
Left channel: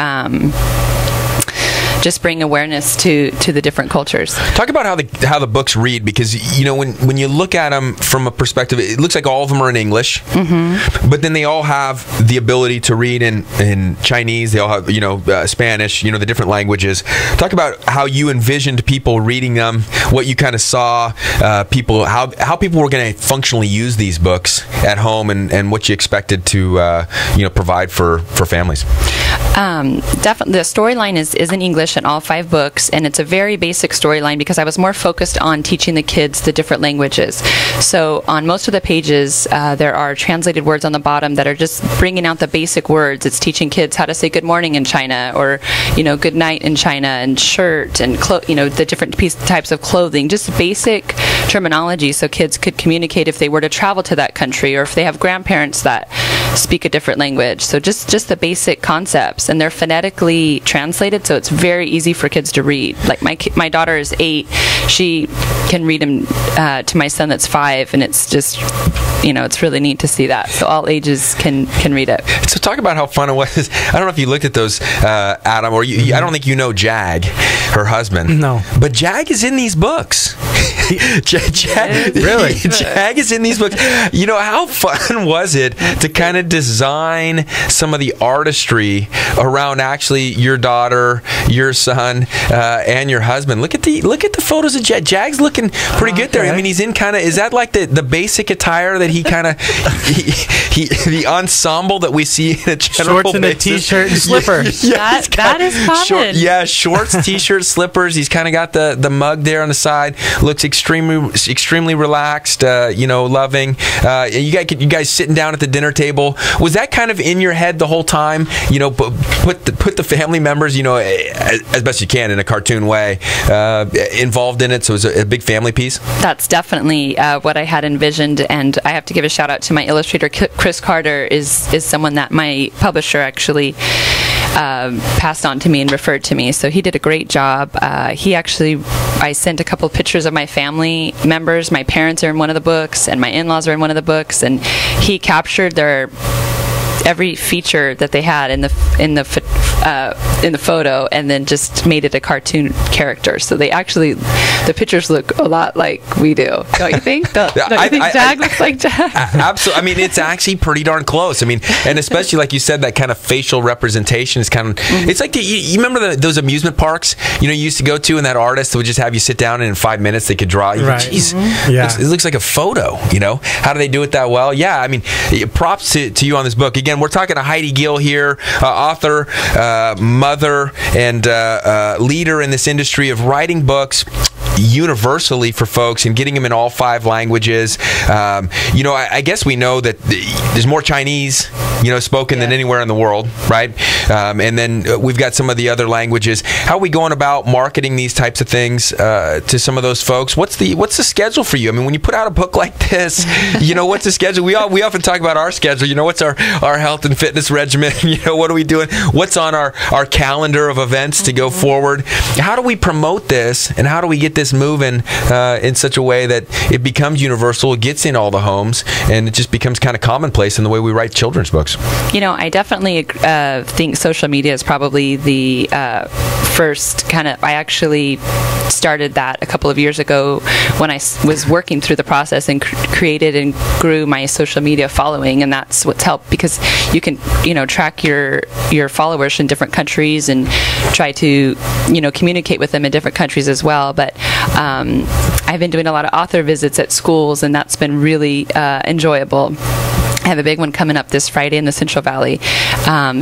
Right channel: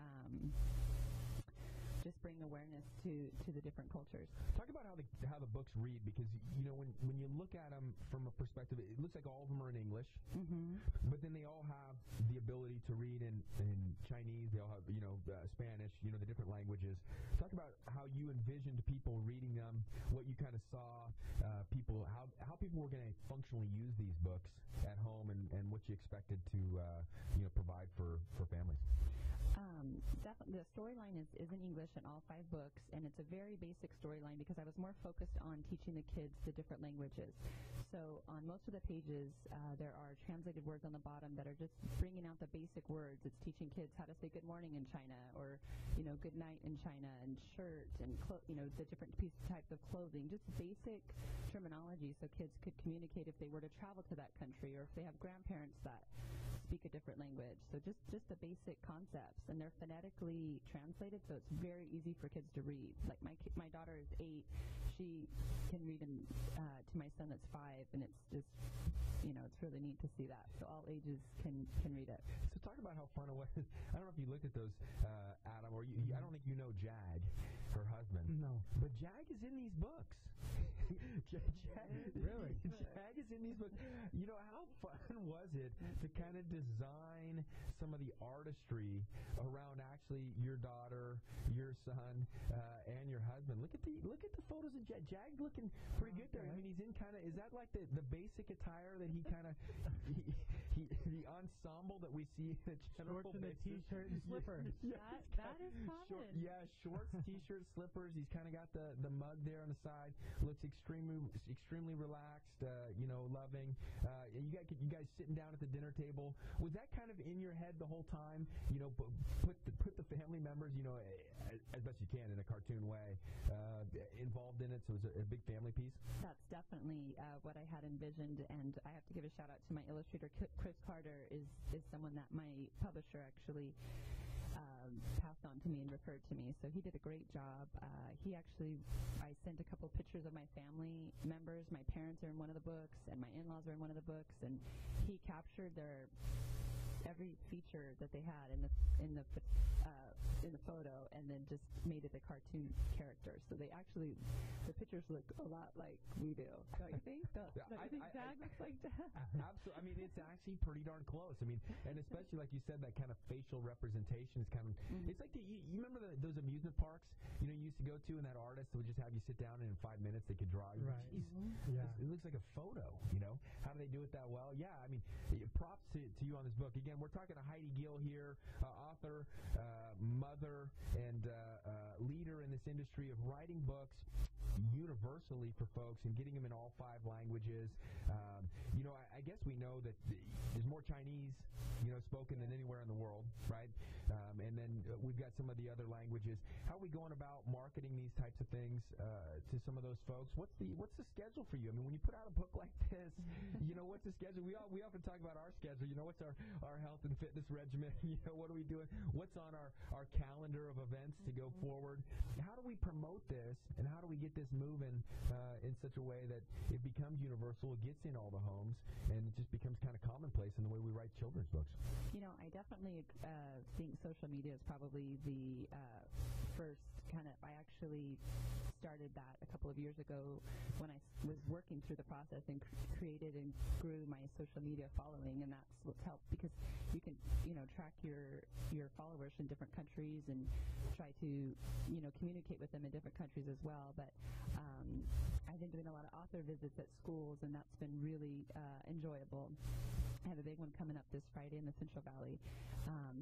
just bring awareness to the different cultures. Talk about how the books read, because, you know, when you look at them from a perspective, it looks like all of them are in English, but then they all have the ability to read in Chinese. They all have, you know, Spanish, you know, the different languages. Talk about how you envisioned people reading them, what you kind of saw people, how people were going to functionally use these books at home, and what you expected to provide for families. Definitely, the storyline is in English in all 5 books, and it's a very basic storyline because I was more focused on teaching the kids the different languages. So on most of the pages, there are translated words on the bottom that are just bringing out the basic words. It's teaching kids how to say good morning in China, or, you know, good night in China, and shirt, and the different types of clothing, just basic terminology so kids could communicate if they were to travel to that country, or if they have grandparents that speak a different language. So just the basic concepts, and they're phonetically translated, so it's very easy for kids to read. Like my daughter is 8, she can read them to my son that's 5, and it's just, you know, it's really neat to see that. So all ages can read it. So talk about how fun it was. I don't know if you looked at those, Adam, or I don't think you know Jag, her husband. No. But Jag is in these books. Jag, really? Jag is in these books. You know, how fun was it to kind of design some of the artistry around actually your daughter, your son, and your husband. Look at the photos of Jag. Jag's looking pretty good there. I mean, he's in kind of, is that like the basic attire that he kind of, the ensemble that we see in a general shorts and a t-shirt and slippers. That is common. Shorts, t-shirts, slippers. He's kind of got the mug there on the side. Looks extremely relaxed, loving. You guys sitting down at the dinner table. Was that kind of in your head the whole time? Put the family members, as best you can in a cartoon way, involved in it, so it was a big family piece? That's definitely what I had envisioned, and I have to give a shout out to my illustrator, Chris Carter, is someone that my publisher actually passed on to me and referred to me. So he did a great job. I sent a couple of pictures of my family members. My parents are in one of the books, and my in-laws are in one of the books, and he captured every feature that they had in the photo, and then just made it a cartoon character. So the pictures look a lot like we do, don't you think? Don't you think Jag looks like Jag? Absolutely. I mean, it's actually pretty darn close. I mean, and especially like you said, that kind of facial representation is kind of. It's like you remember those amusement parks you used to go to, and that artist would just have you sit down, and in 5 minutes they could draw. Right. Jeez, it looks like a photo. How do they do it that well? Yeah, I mean, props to you on this book. Again, we're talking to Heidi Gill here, author, mother, and leader in this industry of writing books universally for folks and getting them in all 5 languages. I guess we know that there's more Chinese, spoken than anywhere in the world, right? And then we've got some of the other languages. How are we going about marketing these types of things to some of those folks? What's the schedule for you? I mean, when you put out a book like this, what's the schedule? We often talk about our schedule. What's our health and fitness regimen? What are we doing? What's on our calendar of events to go forward? How do we promote this, and how do we get this moving in such a way that it becomes universal, it gets in all the homes, and it just becomes kind of commonplace in the way we write children's books? I definitely think social media is probably the first kind of. I actually started that a couple of years ago when I was working through the process and created and grew my social media following, and that's what's helped, because you can track your followers in different countries and try to communicate with them in different countries as well. But I've been doing a lot of author visits at schools, and that's been really enjoyable. I have a big one coming up this Friday in the Central Valley.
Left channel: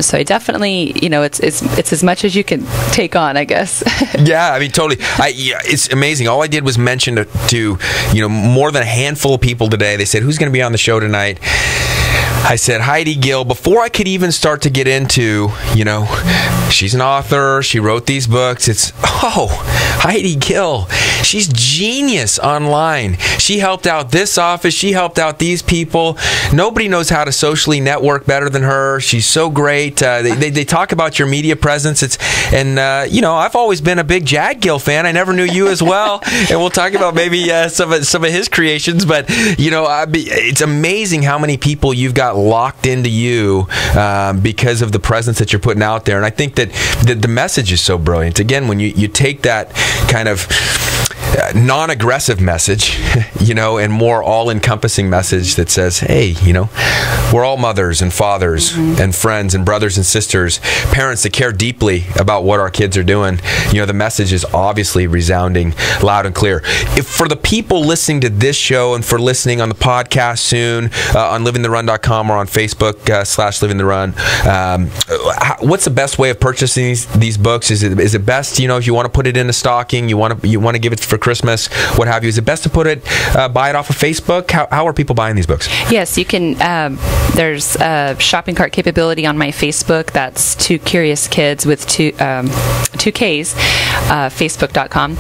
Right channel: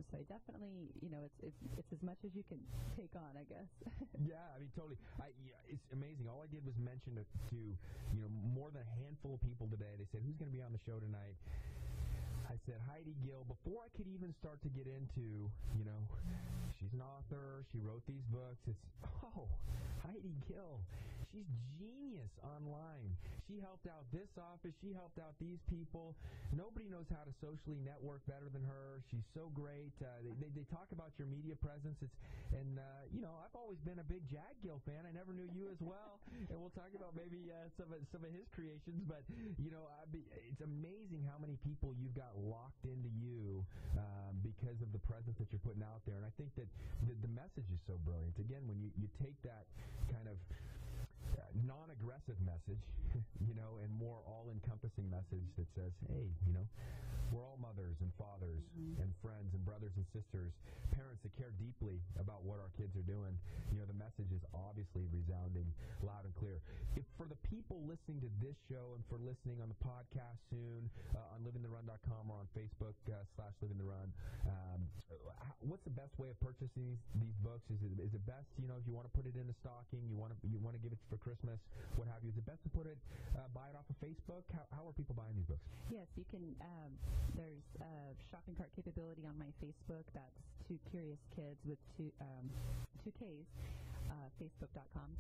So I definitely, it's as much as you can take on, I guess. Yeah, I mean, totally. It's amazing. All I did was mention to more than a handful of people today. They said, who's going to be on the show tonight? I said, Heidi Gill, before I could even start to get into, she's an author, she wrote these books. It's, Heidi Gill, she's genius online. She helped out this office, she helped out these people. Nobody knows how to socially network better than her. She's so great. They talk about your media presence. I've always been a big Jag Gill fan. I never knew you as well. And we'll talk about maybe some of his creations. But, it's amazing how many people you've got locked into you because of the presence that you're putting out there. And I think that the message is so brilliant. Again, when you take that kind of non-aggressive message, and more all-encompassing message that says, hey, we're all mothers and fathers and friends and brothers and sisters, parents that care deeply about what our kids are doing. The message is obviously resounding loud and clear. If for the people listening to this show and for listening on the podcast soon, on livingtherun.com or on Facebook /livingtherun, what's the best way of purchasing these books? Is it best, if you want to put it in a stocking, you want to give it for Christmas, what have you, is it best to buy it off of Facebook? How are people buying these books? Yes, you can. There's a shopping cart capability on my Facebook. That's Two Curious Kids with two Ks, facebook.com.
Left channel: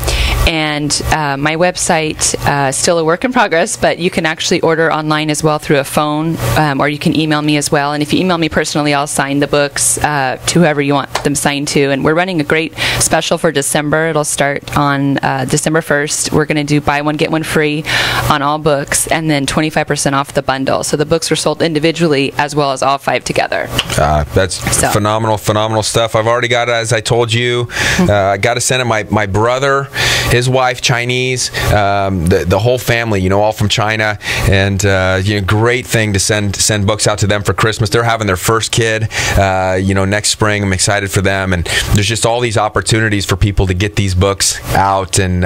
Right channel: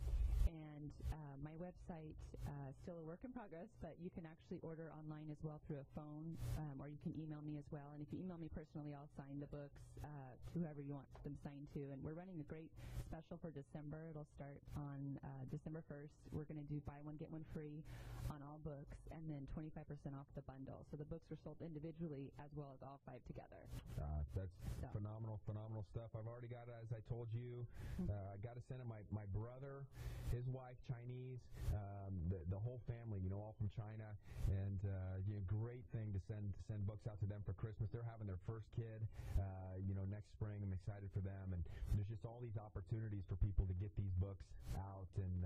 And my website, still a work in progress, but you can actually order online as well through a phone, or you can email me as well. And if you email me personally, I'll sign the books to whoever you want them signed to. And we're running a great special for December. It'll start on December 1st. 1st, we're going to do buy one, get one free on all books, and then 25% off the bundle. So the books are sold individually as well as all 5 together. That's phenomenal stuff. I've already got it, as I told you. I got to send it. My brother, his wife, Chinese, the whole family, all from China, and great thing to send books out to them for Christmas. They're having their first kid, next spring. I'm excited for them, and there's just all these opportunities for people to get these books out and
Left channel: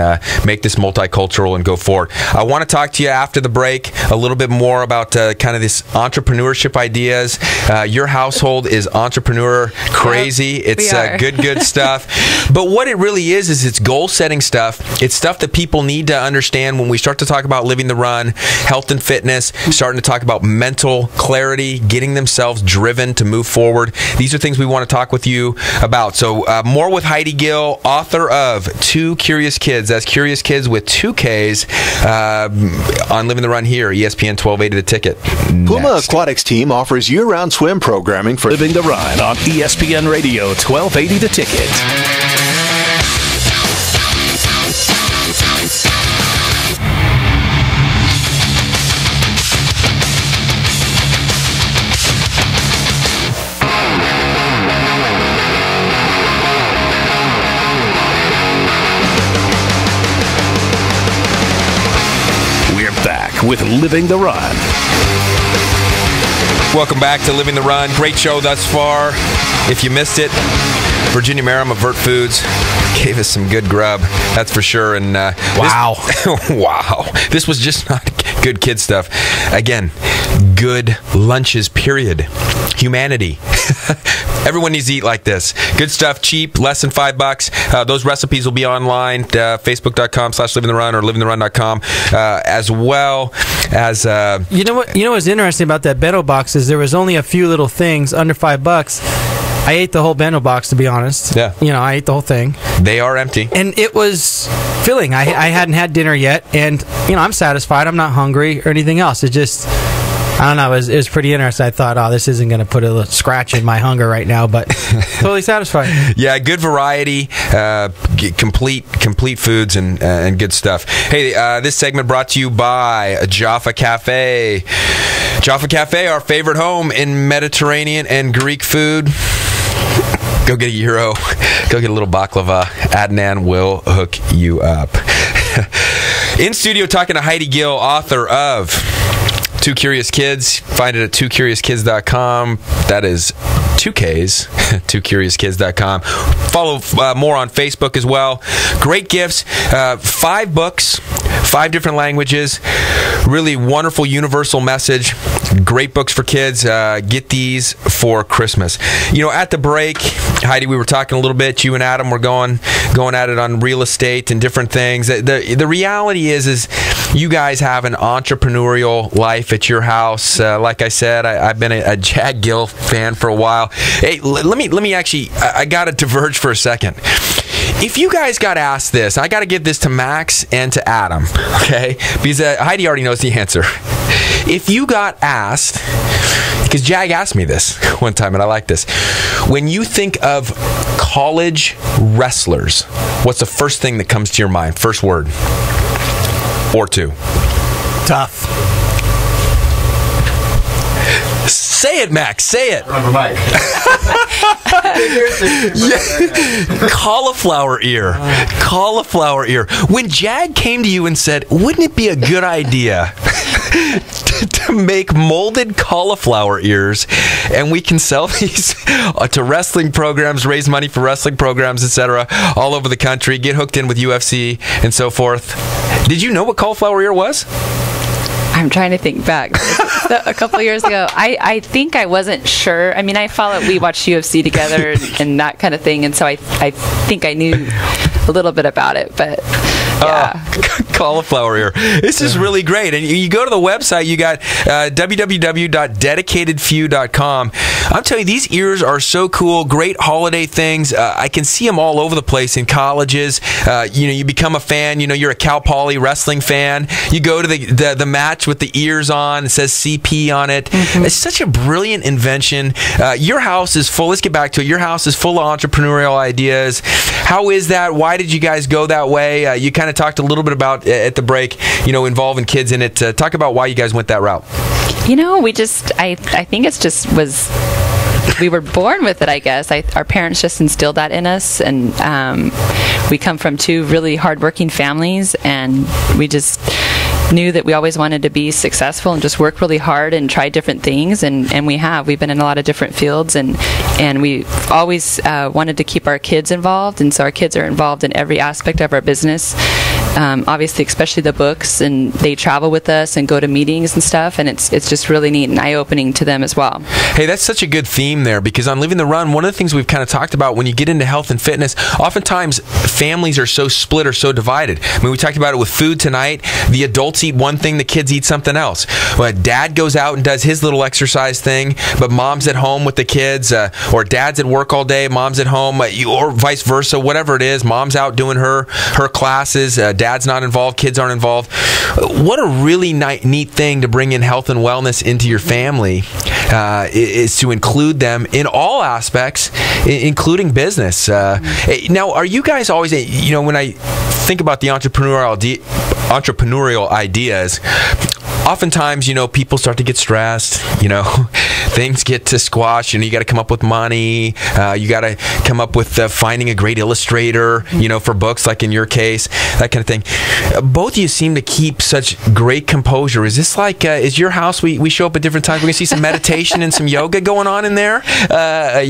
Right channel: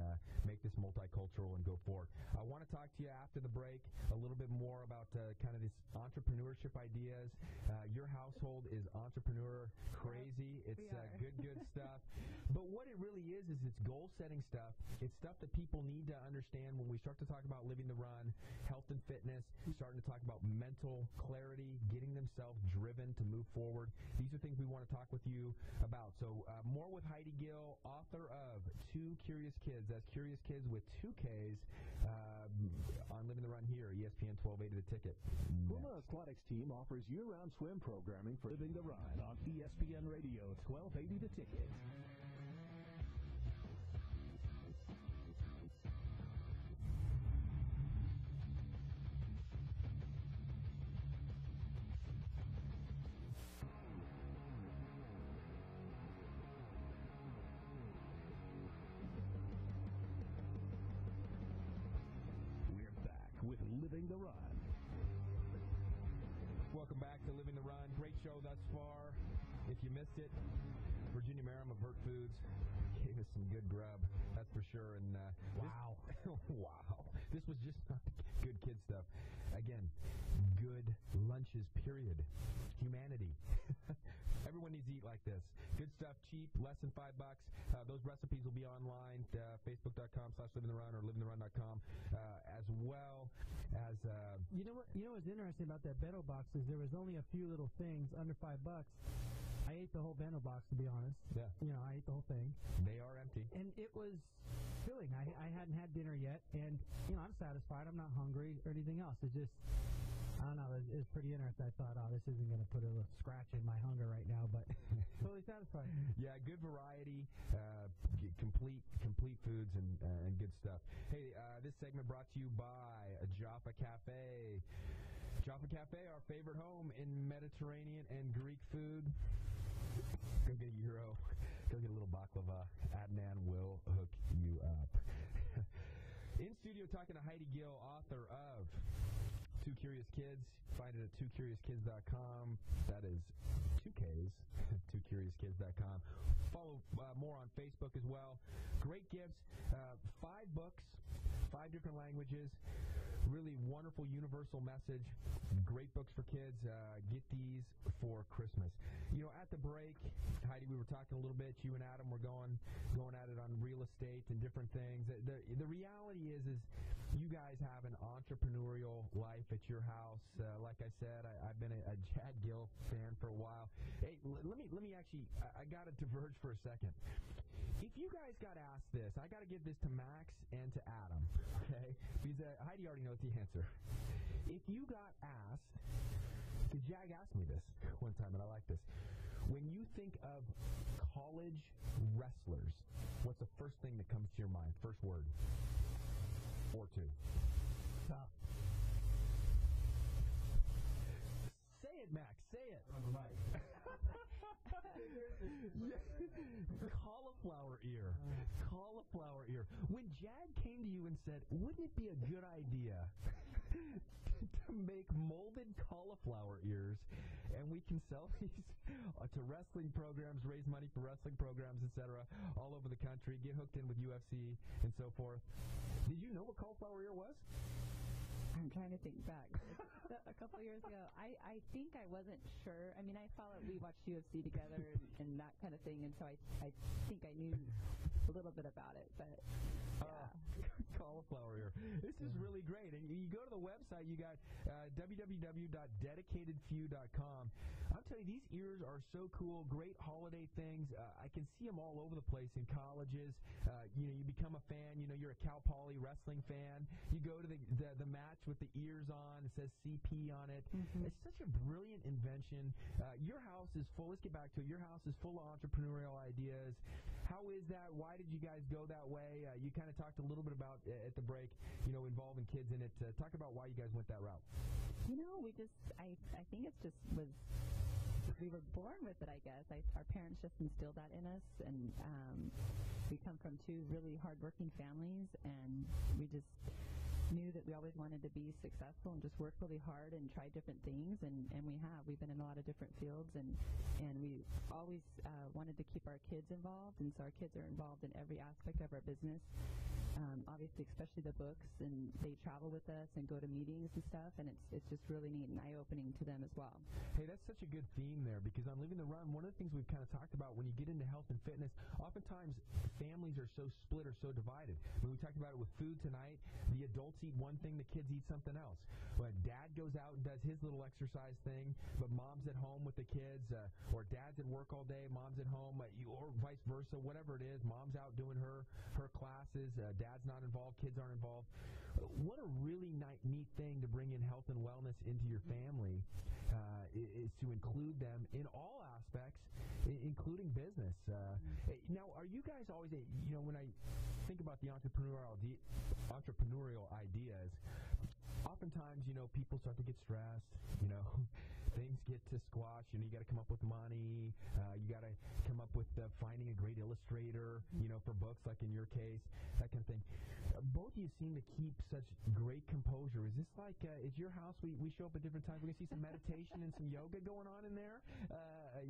make this multicultural and go forward. I want to talk to you after the break a little bit more about kind of this entrepreneurship ideas. Your household is entrepreneur crazy. It's good stuff. But what it really is it's goal setting stuff. It's stuff that people need to understand when we start to talk about living the run, health and fitness, starting to talk about mental clarity, getting themselves driven to move forward. These are things we want to talk with you about. So more with Heidi Gill, author of Two Curious Kids. That's Curious Kids with 2 Ks on Living the Run here, ESPN 1280 The Ticket. Puma Aquatics team offers year-round swim programming for Living the Run on ESPN Radio 1280 The Ticket. With Living the Run. Welcome back to Living the Run. Great show thus far. If you missed it, Virginia Merrim of Vert Foods gave us some good grub, that's for sure. And wow. This was just not good kid stuff. Again, good lunches, period. Humanity. Everyone needs to eat like this. Good stuff, cheap, less than $5. Those recipes will be online, facebook.com/livingtherun or livingtherun.com, as well as... You know what's interesting about that bento box is there was only a few little things under $5. I ate the whole bento box, to be honest. Yeah. I ate the whole thing. They are empty. And it was filling. I hadn't had dinner yet, and, I'm satisfied. I'm not hungry or anything else. It just... I don't know. It was pretty interesting. I thought, this isn't going to put a scratch in my hunger right now, but totally satisfied. Yeah, good variety, complete foods and good stuff. Hey, this segment brought to you by Jaffa Cafe. Jaffa Cafe, our favorite home in Mediterranean and Greek food. Go get a gyro. Go get a little baklava. Adnan will hook you up. In studio talking to Heidi Gill, author of Two Curious Kids. Find it at twocuriouskids.com. That is 2 Ks, twocuriouskids.com. Follow more on Facebook as well. Great gifts. 5 books, 5 different languages. Really wonderful universal message. Great books for kids. Get these for Christmas. At the break, Heidi, we were talking a little bit. You and Adam were going at it on real estate and different things. The reality is you guys have an entrepreneurial life at your house. Like I said, I've been a Jag Gill fan for a while. Hey, let me actually, I got to diverge for a second. If you guys got asked this, I got to give this to Max and to Adam, okay? Because Heidi already knows the answer. If you got asked, because Jag asked me this one time, and I like this. When you think of college wrestlers, what's the first thing that comes to your mind? First word. Or 2. Tough. Say it, Max. Say it. Cauliflower ear. Cauliflower ear. When Jag came to you and said, wouldn't it be a good idea to make molded cauliflower ears and we can sell these to wrestling programs, raise money for wrestling programs, etc., all over the country, get hooked in with UFC and so forth. Did you know what cauliflower ear was? I'm trying to think back. A couple years ago, I think I wasn't sure. I mean, we watched UFC together and that kind of thing, and so I think I knew a little bit about it, but yeah. Cauliflower ear. This is really great. And you go to the website, you got www.dedicatedfew.com. I'm telling you, these ears are so cool. Great holiday things. I can see them all over the place in colleges. You become a fan. You're a Cal Poly wrestling fan. You go to the match with the ears on. It says CP on it. Mm-hmm. It's such a brilliant invention. Your house is full. Let's get back to it. Your house is full of entrepreneurial ideas. How is that? Why did you guys go that way? You kind kind of talked a little bit about at the break, involving kids in it. Talk about why you guys went that route. I think it's just was. We were born with it, I guess. Our parents just instilled that in us, and we come from two really hardworking families, and we just knew that we always wanted to be successful and just work really hard and try different things, and we've been in a lot of different fields, and we always wanted to keep our kids involved, and so our kids are involved in every aspect of our business. Obviously, especially the books, and they travel with us and go to meetings and stuff, and it's just really neat and eye-opening to them as well. Hey, that's such a good theme there, because on Living the Run, one of the things we've kind of talked about when you get into health and fitness, oftentimes families are so split or so divided. I mean, we talked about it with food tonight. The adults eat one thing, the kids eat something else. Well, dad goes out and does his little exercise thing, but mom's at home with the kids, or dad's at work all day, mom's at home, or vice versa, whatever it is. Mom's out doing her classes, dad's not involved, kids aren't involved. What a really neat thing to bring in health and wellness into your family is to include them in all aspects, including business. Now, are you guys always, when I think about the entrepreneurial ideas, oftentimes, people start to get stressed, things get to squash, you got to come up with money, you got to come up with finding a great illustrator, for books, like in your case, that kind of thing. Both of you seem to keep such great composure. Is this like, is your house, we show up at different times, we're going to see some meditation and some yoga going on in there? How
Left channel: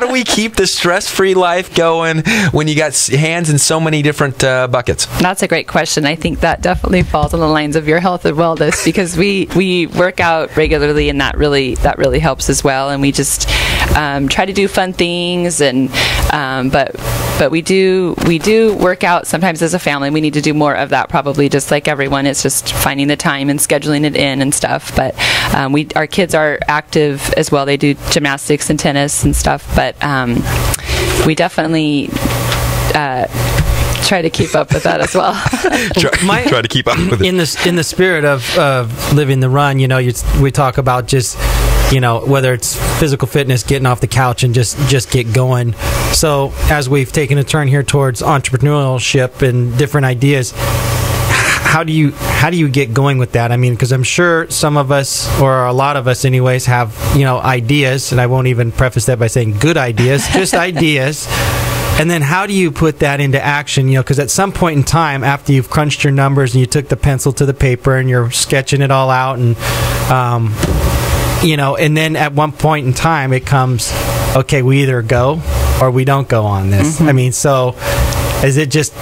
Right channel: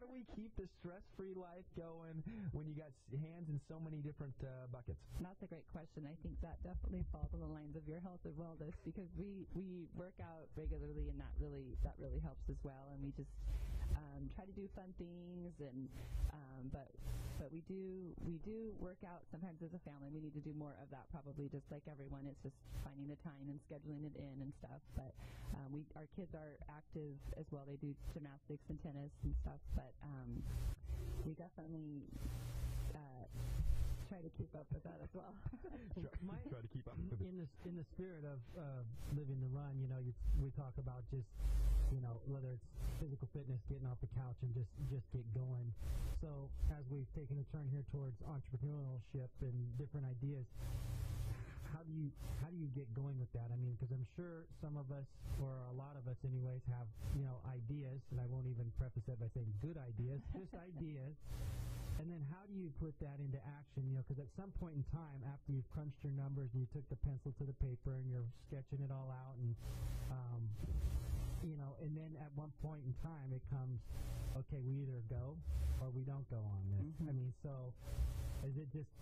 do we keep the stress-free life going when you got hands in so many different buckets? That's a great question. I think that definitely falls on the lines of your health and wellness, because we work out regularly, and that really helps as well. And we just try to do fun things, and but we do work out sometimes as a family. We need to do more of that, probably, just like everyone. It's just finding the time and scheduling it in and stuff. But our kids are active as well. They do gymnastics and tennis and stuff. But we definitely try to keep up with that as well. Try to keep up with it. In the spirit of living the run, we talk about just, whether it's physical fitness, getting off the couch and just get going. So as we've taken a turn here towards entrepreneurship and different ideas, how do you get going with that? I mean, because I'm sure some of us, or a lot of us anyways, have ideas, and I won't even preface that by saying good ideas, just ideas. And then how do you put that into action? Because at some point in time, after you've crunched your numbers and you took the pencil to the paper and you're sketching it all out, and and then at one point in time it comes, okay, we either go or we don't go on this. Mm-hmm. I mean, so is it just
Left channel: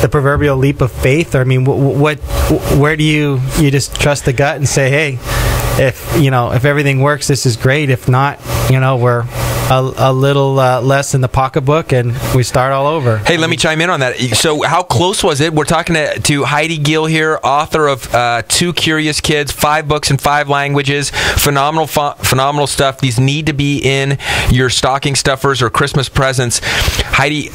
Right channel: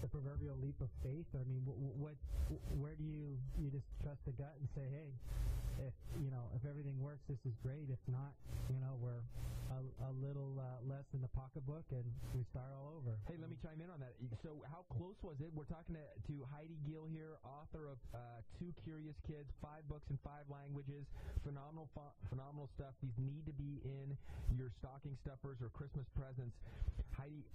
the proverbial leap of faith? Or I mean, where do you just trust the gut and say, hey, if everything works, this is great. If not, we're a little less in the pocketbook, and we start all over. Hey, let me chime in on that. So how close was it? We're talking to Heidi Gill here, author of Two Curious Kids, 5 books in 5 languages, phenomenal stuff. These need to be in your stocking stuffers or Christmas presents. Heidi,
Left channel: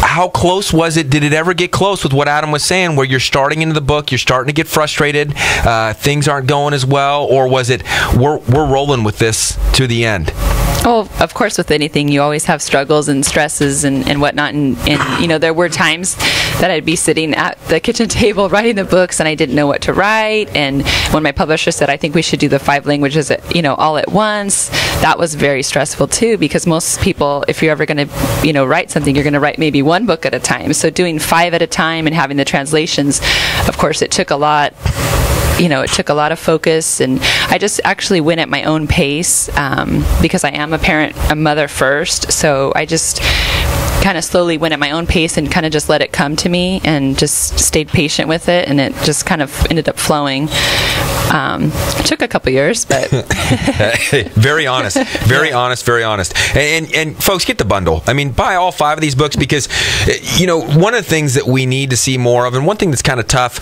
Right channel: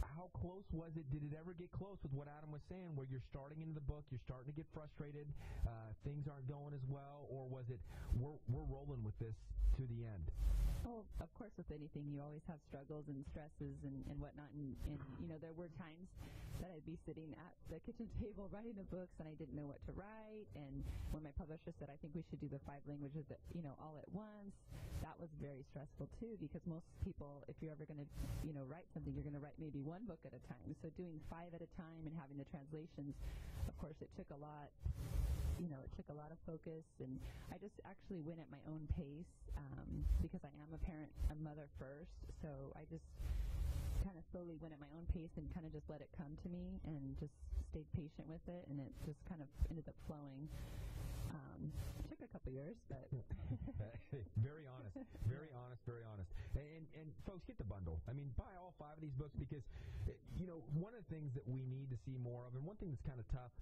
how close was it? Did it ever get close with what Adam was saying, where you're starting into the book, you're starting to get frustrated, things aren't going as well, or was it, we're rolling with this to the end? Well, of course, with anything, you always have struggles and stresses and whatnot. And there were times that I'd be sitting at the kitchen table writing the books, and I didn't know what to write. And when my publisher said, I think we should do the 5 languages, all at once, that was very stressful too, because most people, if you're ever going to, write something, you're going to write maybe 1 book at a time. So doing 5 at a time and having the translations, of course, it took a lot. It took a lot of focus, and I just actually went at my own pace because I am a mother first. So I just kind of slowly went at my own pace and kind of just let it come to me and just stayed patient with it, and it just kind of ended up flowing. It took a couple years, but very honest, very honest. And folks, get the bundle. I mean, buy all 5 of these books, because one of the things that we need to see more of, and one thing that's kind of tough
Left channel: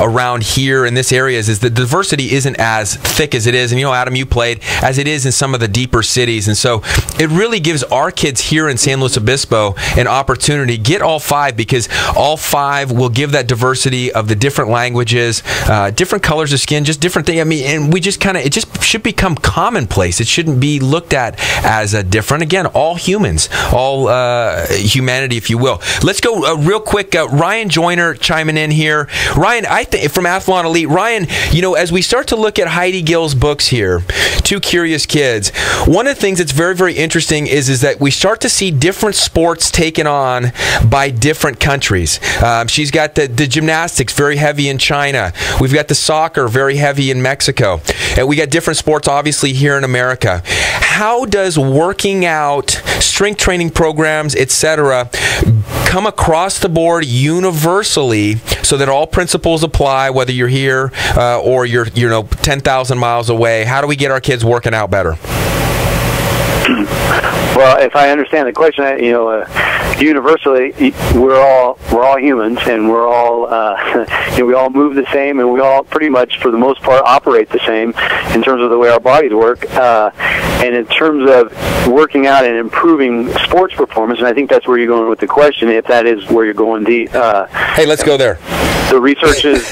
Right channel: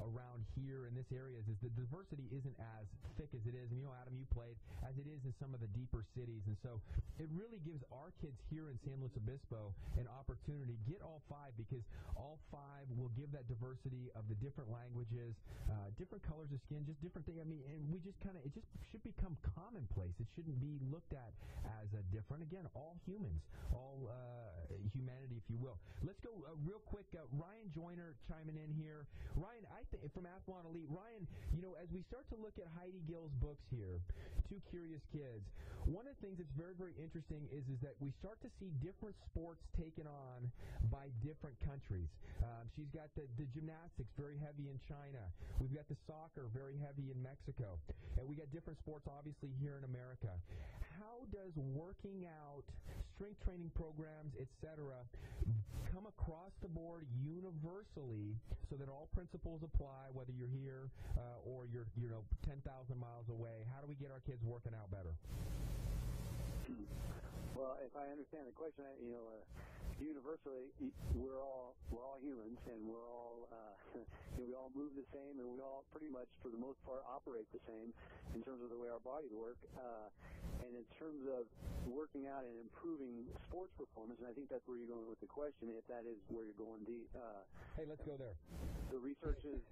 around here in this area is the diversity isn't as thick as it is, and Adam, you played, as it is in some of the deeper cities. And so it really gives our kids here in San Luis Obispo an opportunity. Get all 5, because all 5 will give that diversity of the different languages, different colors of skin. skin, just different things. I mean, and we just it just should become commonplace. It shouldn't be looked at as different. Again, all humans, all humanity, if you will. Let's go real quick. Ryan Joyner chiming in here. Ryan, from Athlon Elite. Ryan, as we start to look at Heidi Gill's books here, Two Curious Kids, one of the things that's very, very interesting is that we start to see different sports taken on by different countries. She's got the gymnastics very heavy in China. We've got the soccer very heavy in Mexico. And we got different sports, obviously, here in America. How does working out, strength training programs, etc., come across the board universally so that all principles apply, whether you're here or you're 10,000 miles away? How do we get our kids working out better? Well, if I understand the question, universally, we're all humans, and we're all we all move the same, and we all pretty much, for the most part, operate the same in terms of the way our bodies work. And in terms of working out and improving sports performance, and I think that's where you're going with the question. If that is where you're going, hey, let's go there. The research is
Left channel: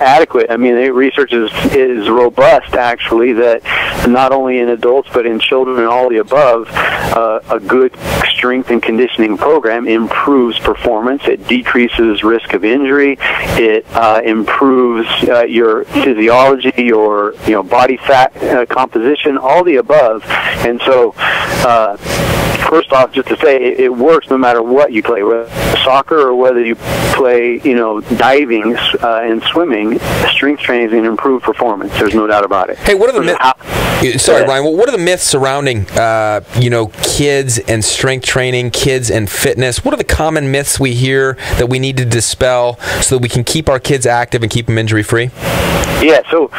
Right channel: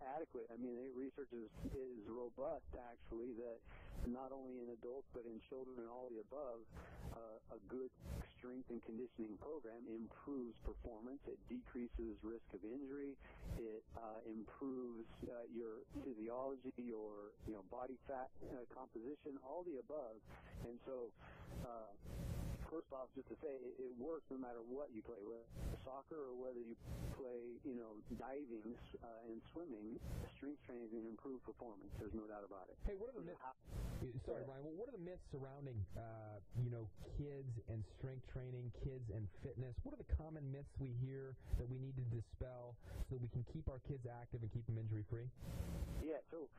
adequate. I mean, the research is robust, actually, that not only in adults but in children and all the above, a good strength and conditioning program improves performance. It decreases risk of injury. It improves your physiology, your body fat composition, all the above. And so, first off, just to say, it works no matter what you play, whether soccer or whether you play, diving and swimming. Strength training is going to improve performance. There's no doubt about it. Hey, what are the myths? Sorry, Ryan. What are the myths surrounding, kids and strength training, kids and fitness? What are the common myths we hear that we need to dispel so that we can keep our kids active and keep them injury-free? Yeah. So,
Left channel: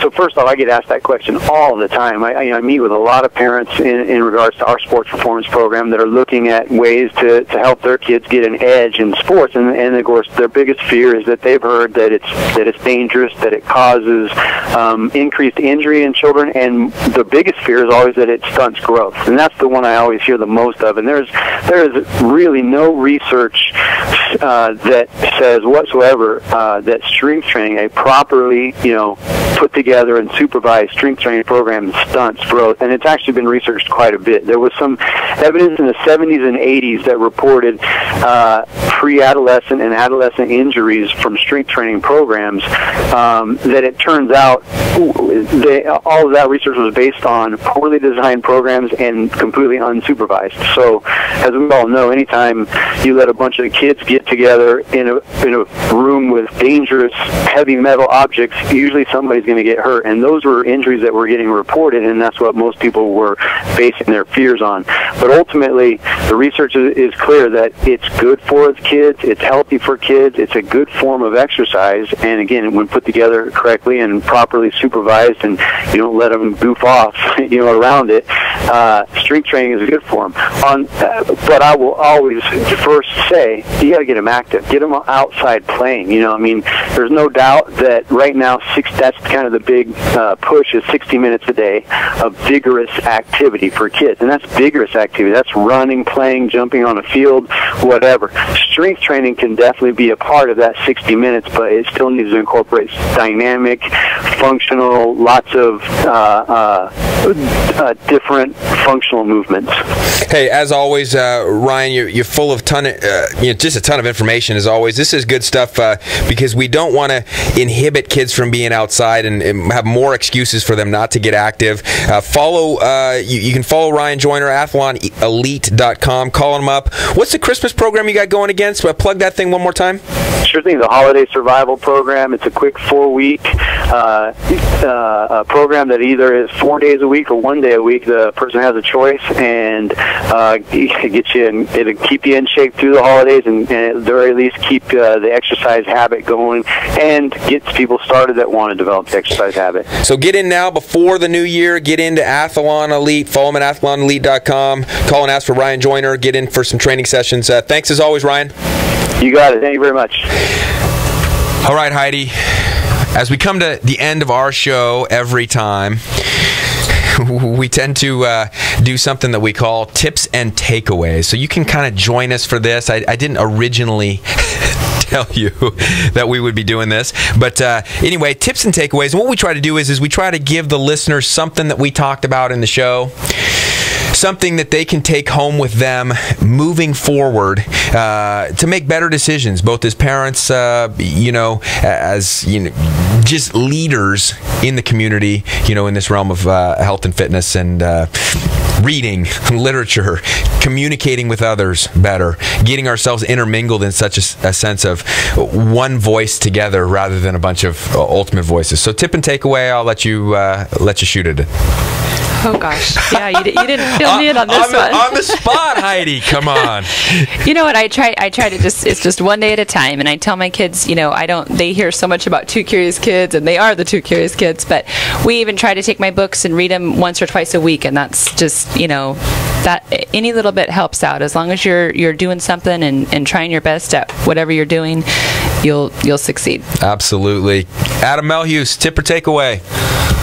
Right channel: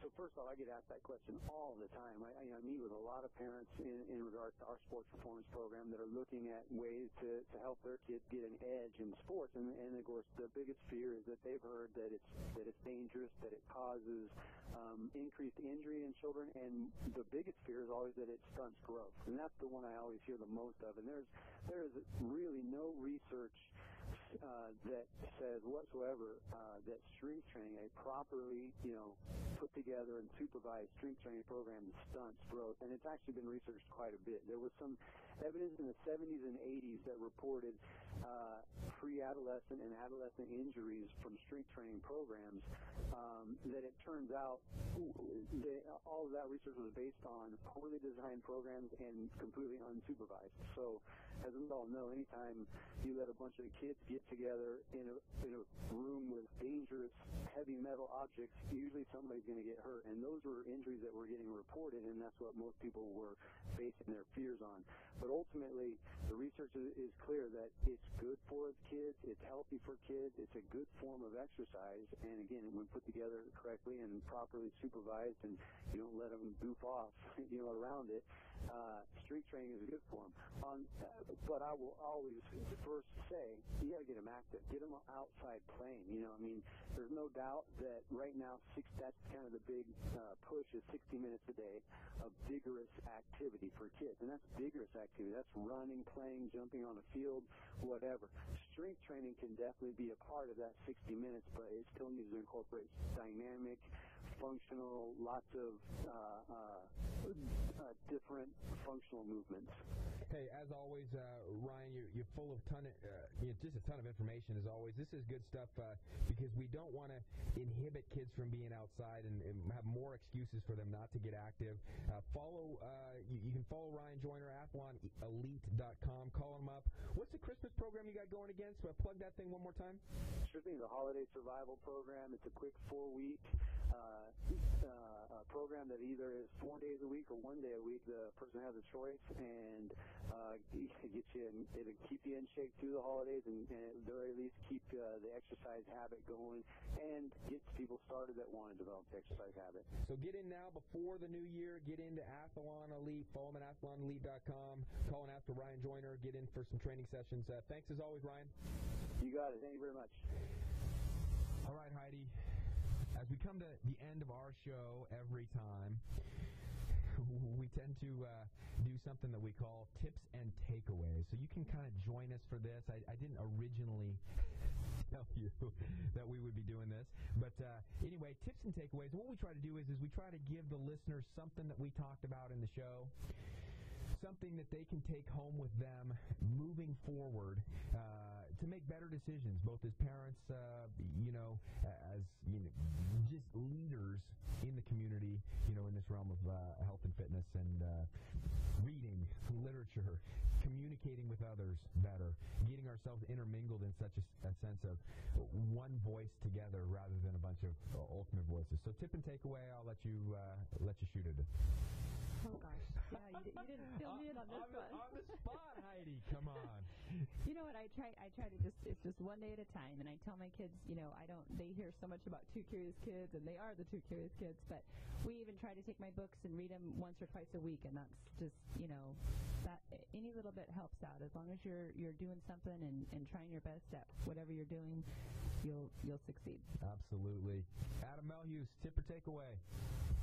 so first off, I get asked that question all the time. I meet with a lot of parents in regards to our sports performance program that are looking at ways to help their kids get an edge in sports, and of course their biggest fear is that they've heard that it's dangerous, that it causes increased injury in children, and the biggest fear is always that it stunts growth, and that's the one I always hear the most of. And there is really no research that says whatsoever that strength training, a properly put together and supervised strength training program, stunts growth, and it's actually been researched quite a bit. There was some evidence in the 70s and 80s that reported pre-adolescent and adolescent injuries from strength training programs that it turns out all of that research was based on poorly designed programs and completely unsupervised. So, as we all know, anytime you let a bunch of kids get together in a room with dangerous heavy metal objects, usually somebody's going to get hurt, and those were injuries that were getting reported, and that's what most people were basing their fears on. But ultimately, the research is clear that it's good for kids, it's healthy for kids, it's a good form of exercise, and again, when put together correctly and properly supervised, and you don't let them goof off, around it, strength training is a good form. But I will always first say, you got to get them active, get them outside playing. There's no doubt that right now, that's kind of the big push is 60 minutes a day of vigorous activity for kids, and that's vigorous activity. That's running, playing, jumping on a field, whatever. Strength training can definitely be a part of that 60 minutes, but it still needs to incorporate dynamic, functional, lots of different functional movements. Hey, as always, Ryan, you're full of just a ton of information. As always, this is good stuff because we don't want to inhibit kids from being outside and have more excuses for them not to get active. You can follow Ryan Joyner, athlonelite.com. Call him up. What's the Christmas program you got going against? Plug that thing one more time. Sure thing. The Holiday Survival Program. It's a quick 4-week program that either is 4 days a week or 1 day a week. The person has a choice, and it'll keep you in shape through the holidays, and at the very least keep the exercise habit going, and gets people started that want to develop the exercise habit. So get in now before the new year. Get into Athlon Elite. Follow him at athlonelite.com. Call and ask for Ryan Joyner. Get in for some training sessions. Thanks as always, Ryan. You got it. Thank you very much. All right, Heidi. As we come to the end of our show every time, we tend to do something that we call tips and takeaways. So you can kind of join us for this. I didn't originally tell you that we would be doing this. But anyway, tips and takeaways. And what we try to do is we try to give the listeners something that we talked about in the show, something that they can take home with them moving forward to make better decisions, both as parents, as just leaders in the community, in this realm of health and fitness and reading, literature, communicating with others better, getting ourselves intermingled in such a sense of one voice together rather than a bunch of ultimate voices. So tip and takeaway, I'll let you shoot it. Oh gosh, yeah, you didn't fill me in on this one. On the spot, Heidi, come on. You know what? I try to it's just one day at a time, and I tell my kids, they hear so much about Two Curious Kids, and they are the Two Curious Kids, but we even try to take my books and read them once or twice a week, and that's just, that any little bit helps out. As long as you're doing something and trying your best at whatever you're doing, you'll succeed. Absolutely. Adam Melhuse, tip or takeaway?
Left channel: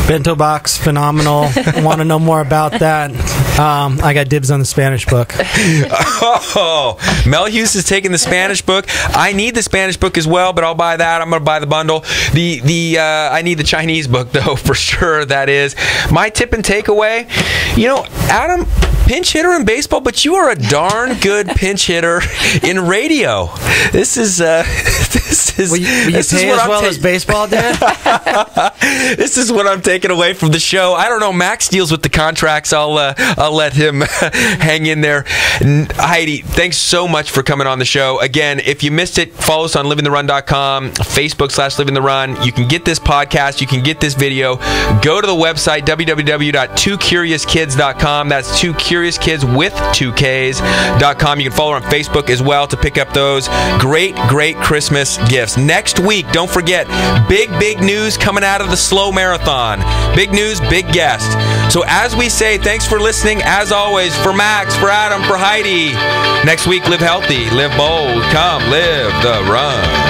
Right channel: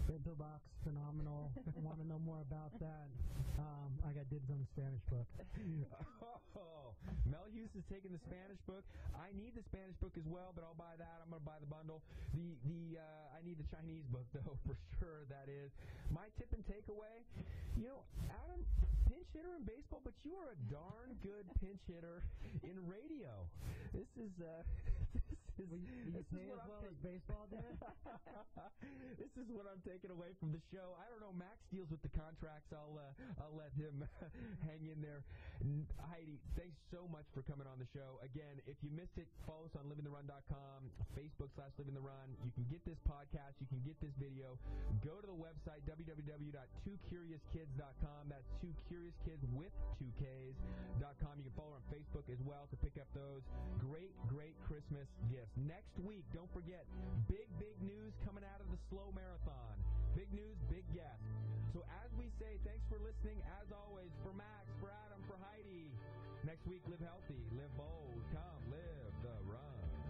Bento box, phenomenal. Want to know more about that? I got dibs on the Spanish book. Oh, Melhuse is taking the Spanish book. I need the Spanish book as well, but I'll buy that. I'm going to buy the bundle. I need the Chinese book, though, for sure. That is. My tip and takeaway, Adam, pinch hitter in baseball, but you are a darn good pinch hitter in radio. This is will you pay as well as baseball did? This is what I'm taking away from the show. I don't know. Max deals with the contracts. I'll let him hang in there. Heidi, thanks so much for coming on the show. Again, if you missed it, follow us on livingtherun.com, Facebook/livingtherun. You can get this podcast. You can get this video. Go to the website, www.twocuriouskids.com. That's 2CuriousKids with 2Ks.com. You can follow her on Facebook as well to pick up those great Christmas gifts. Next week, don't forget, big news coming out of the slow marathon. Big news, big guest. So as we say, thanks for listening. As always, for Max, for Adam, for Heidi. Next week, live healthy, live bold. Come live the run.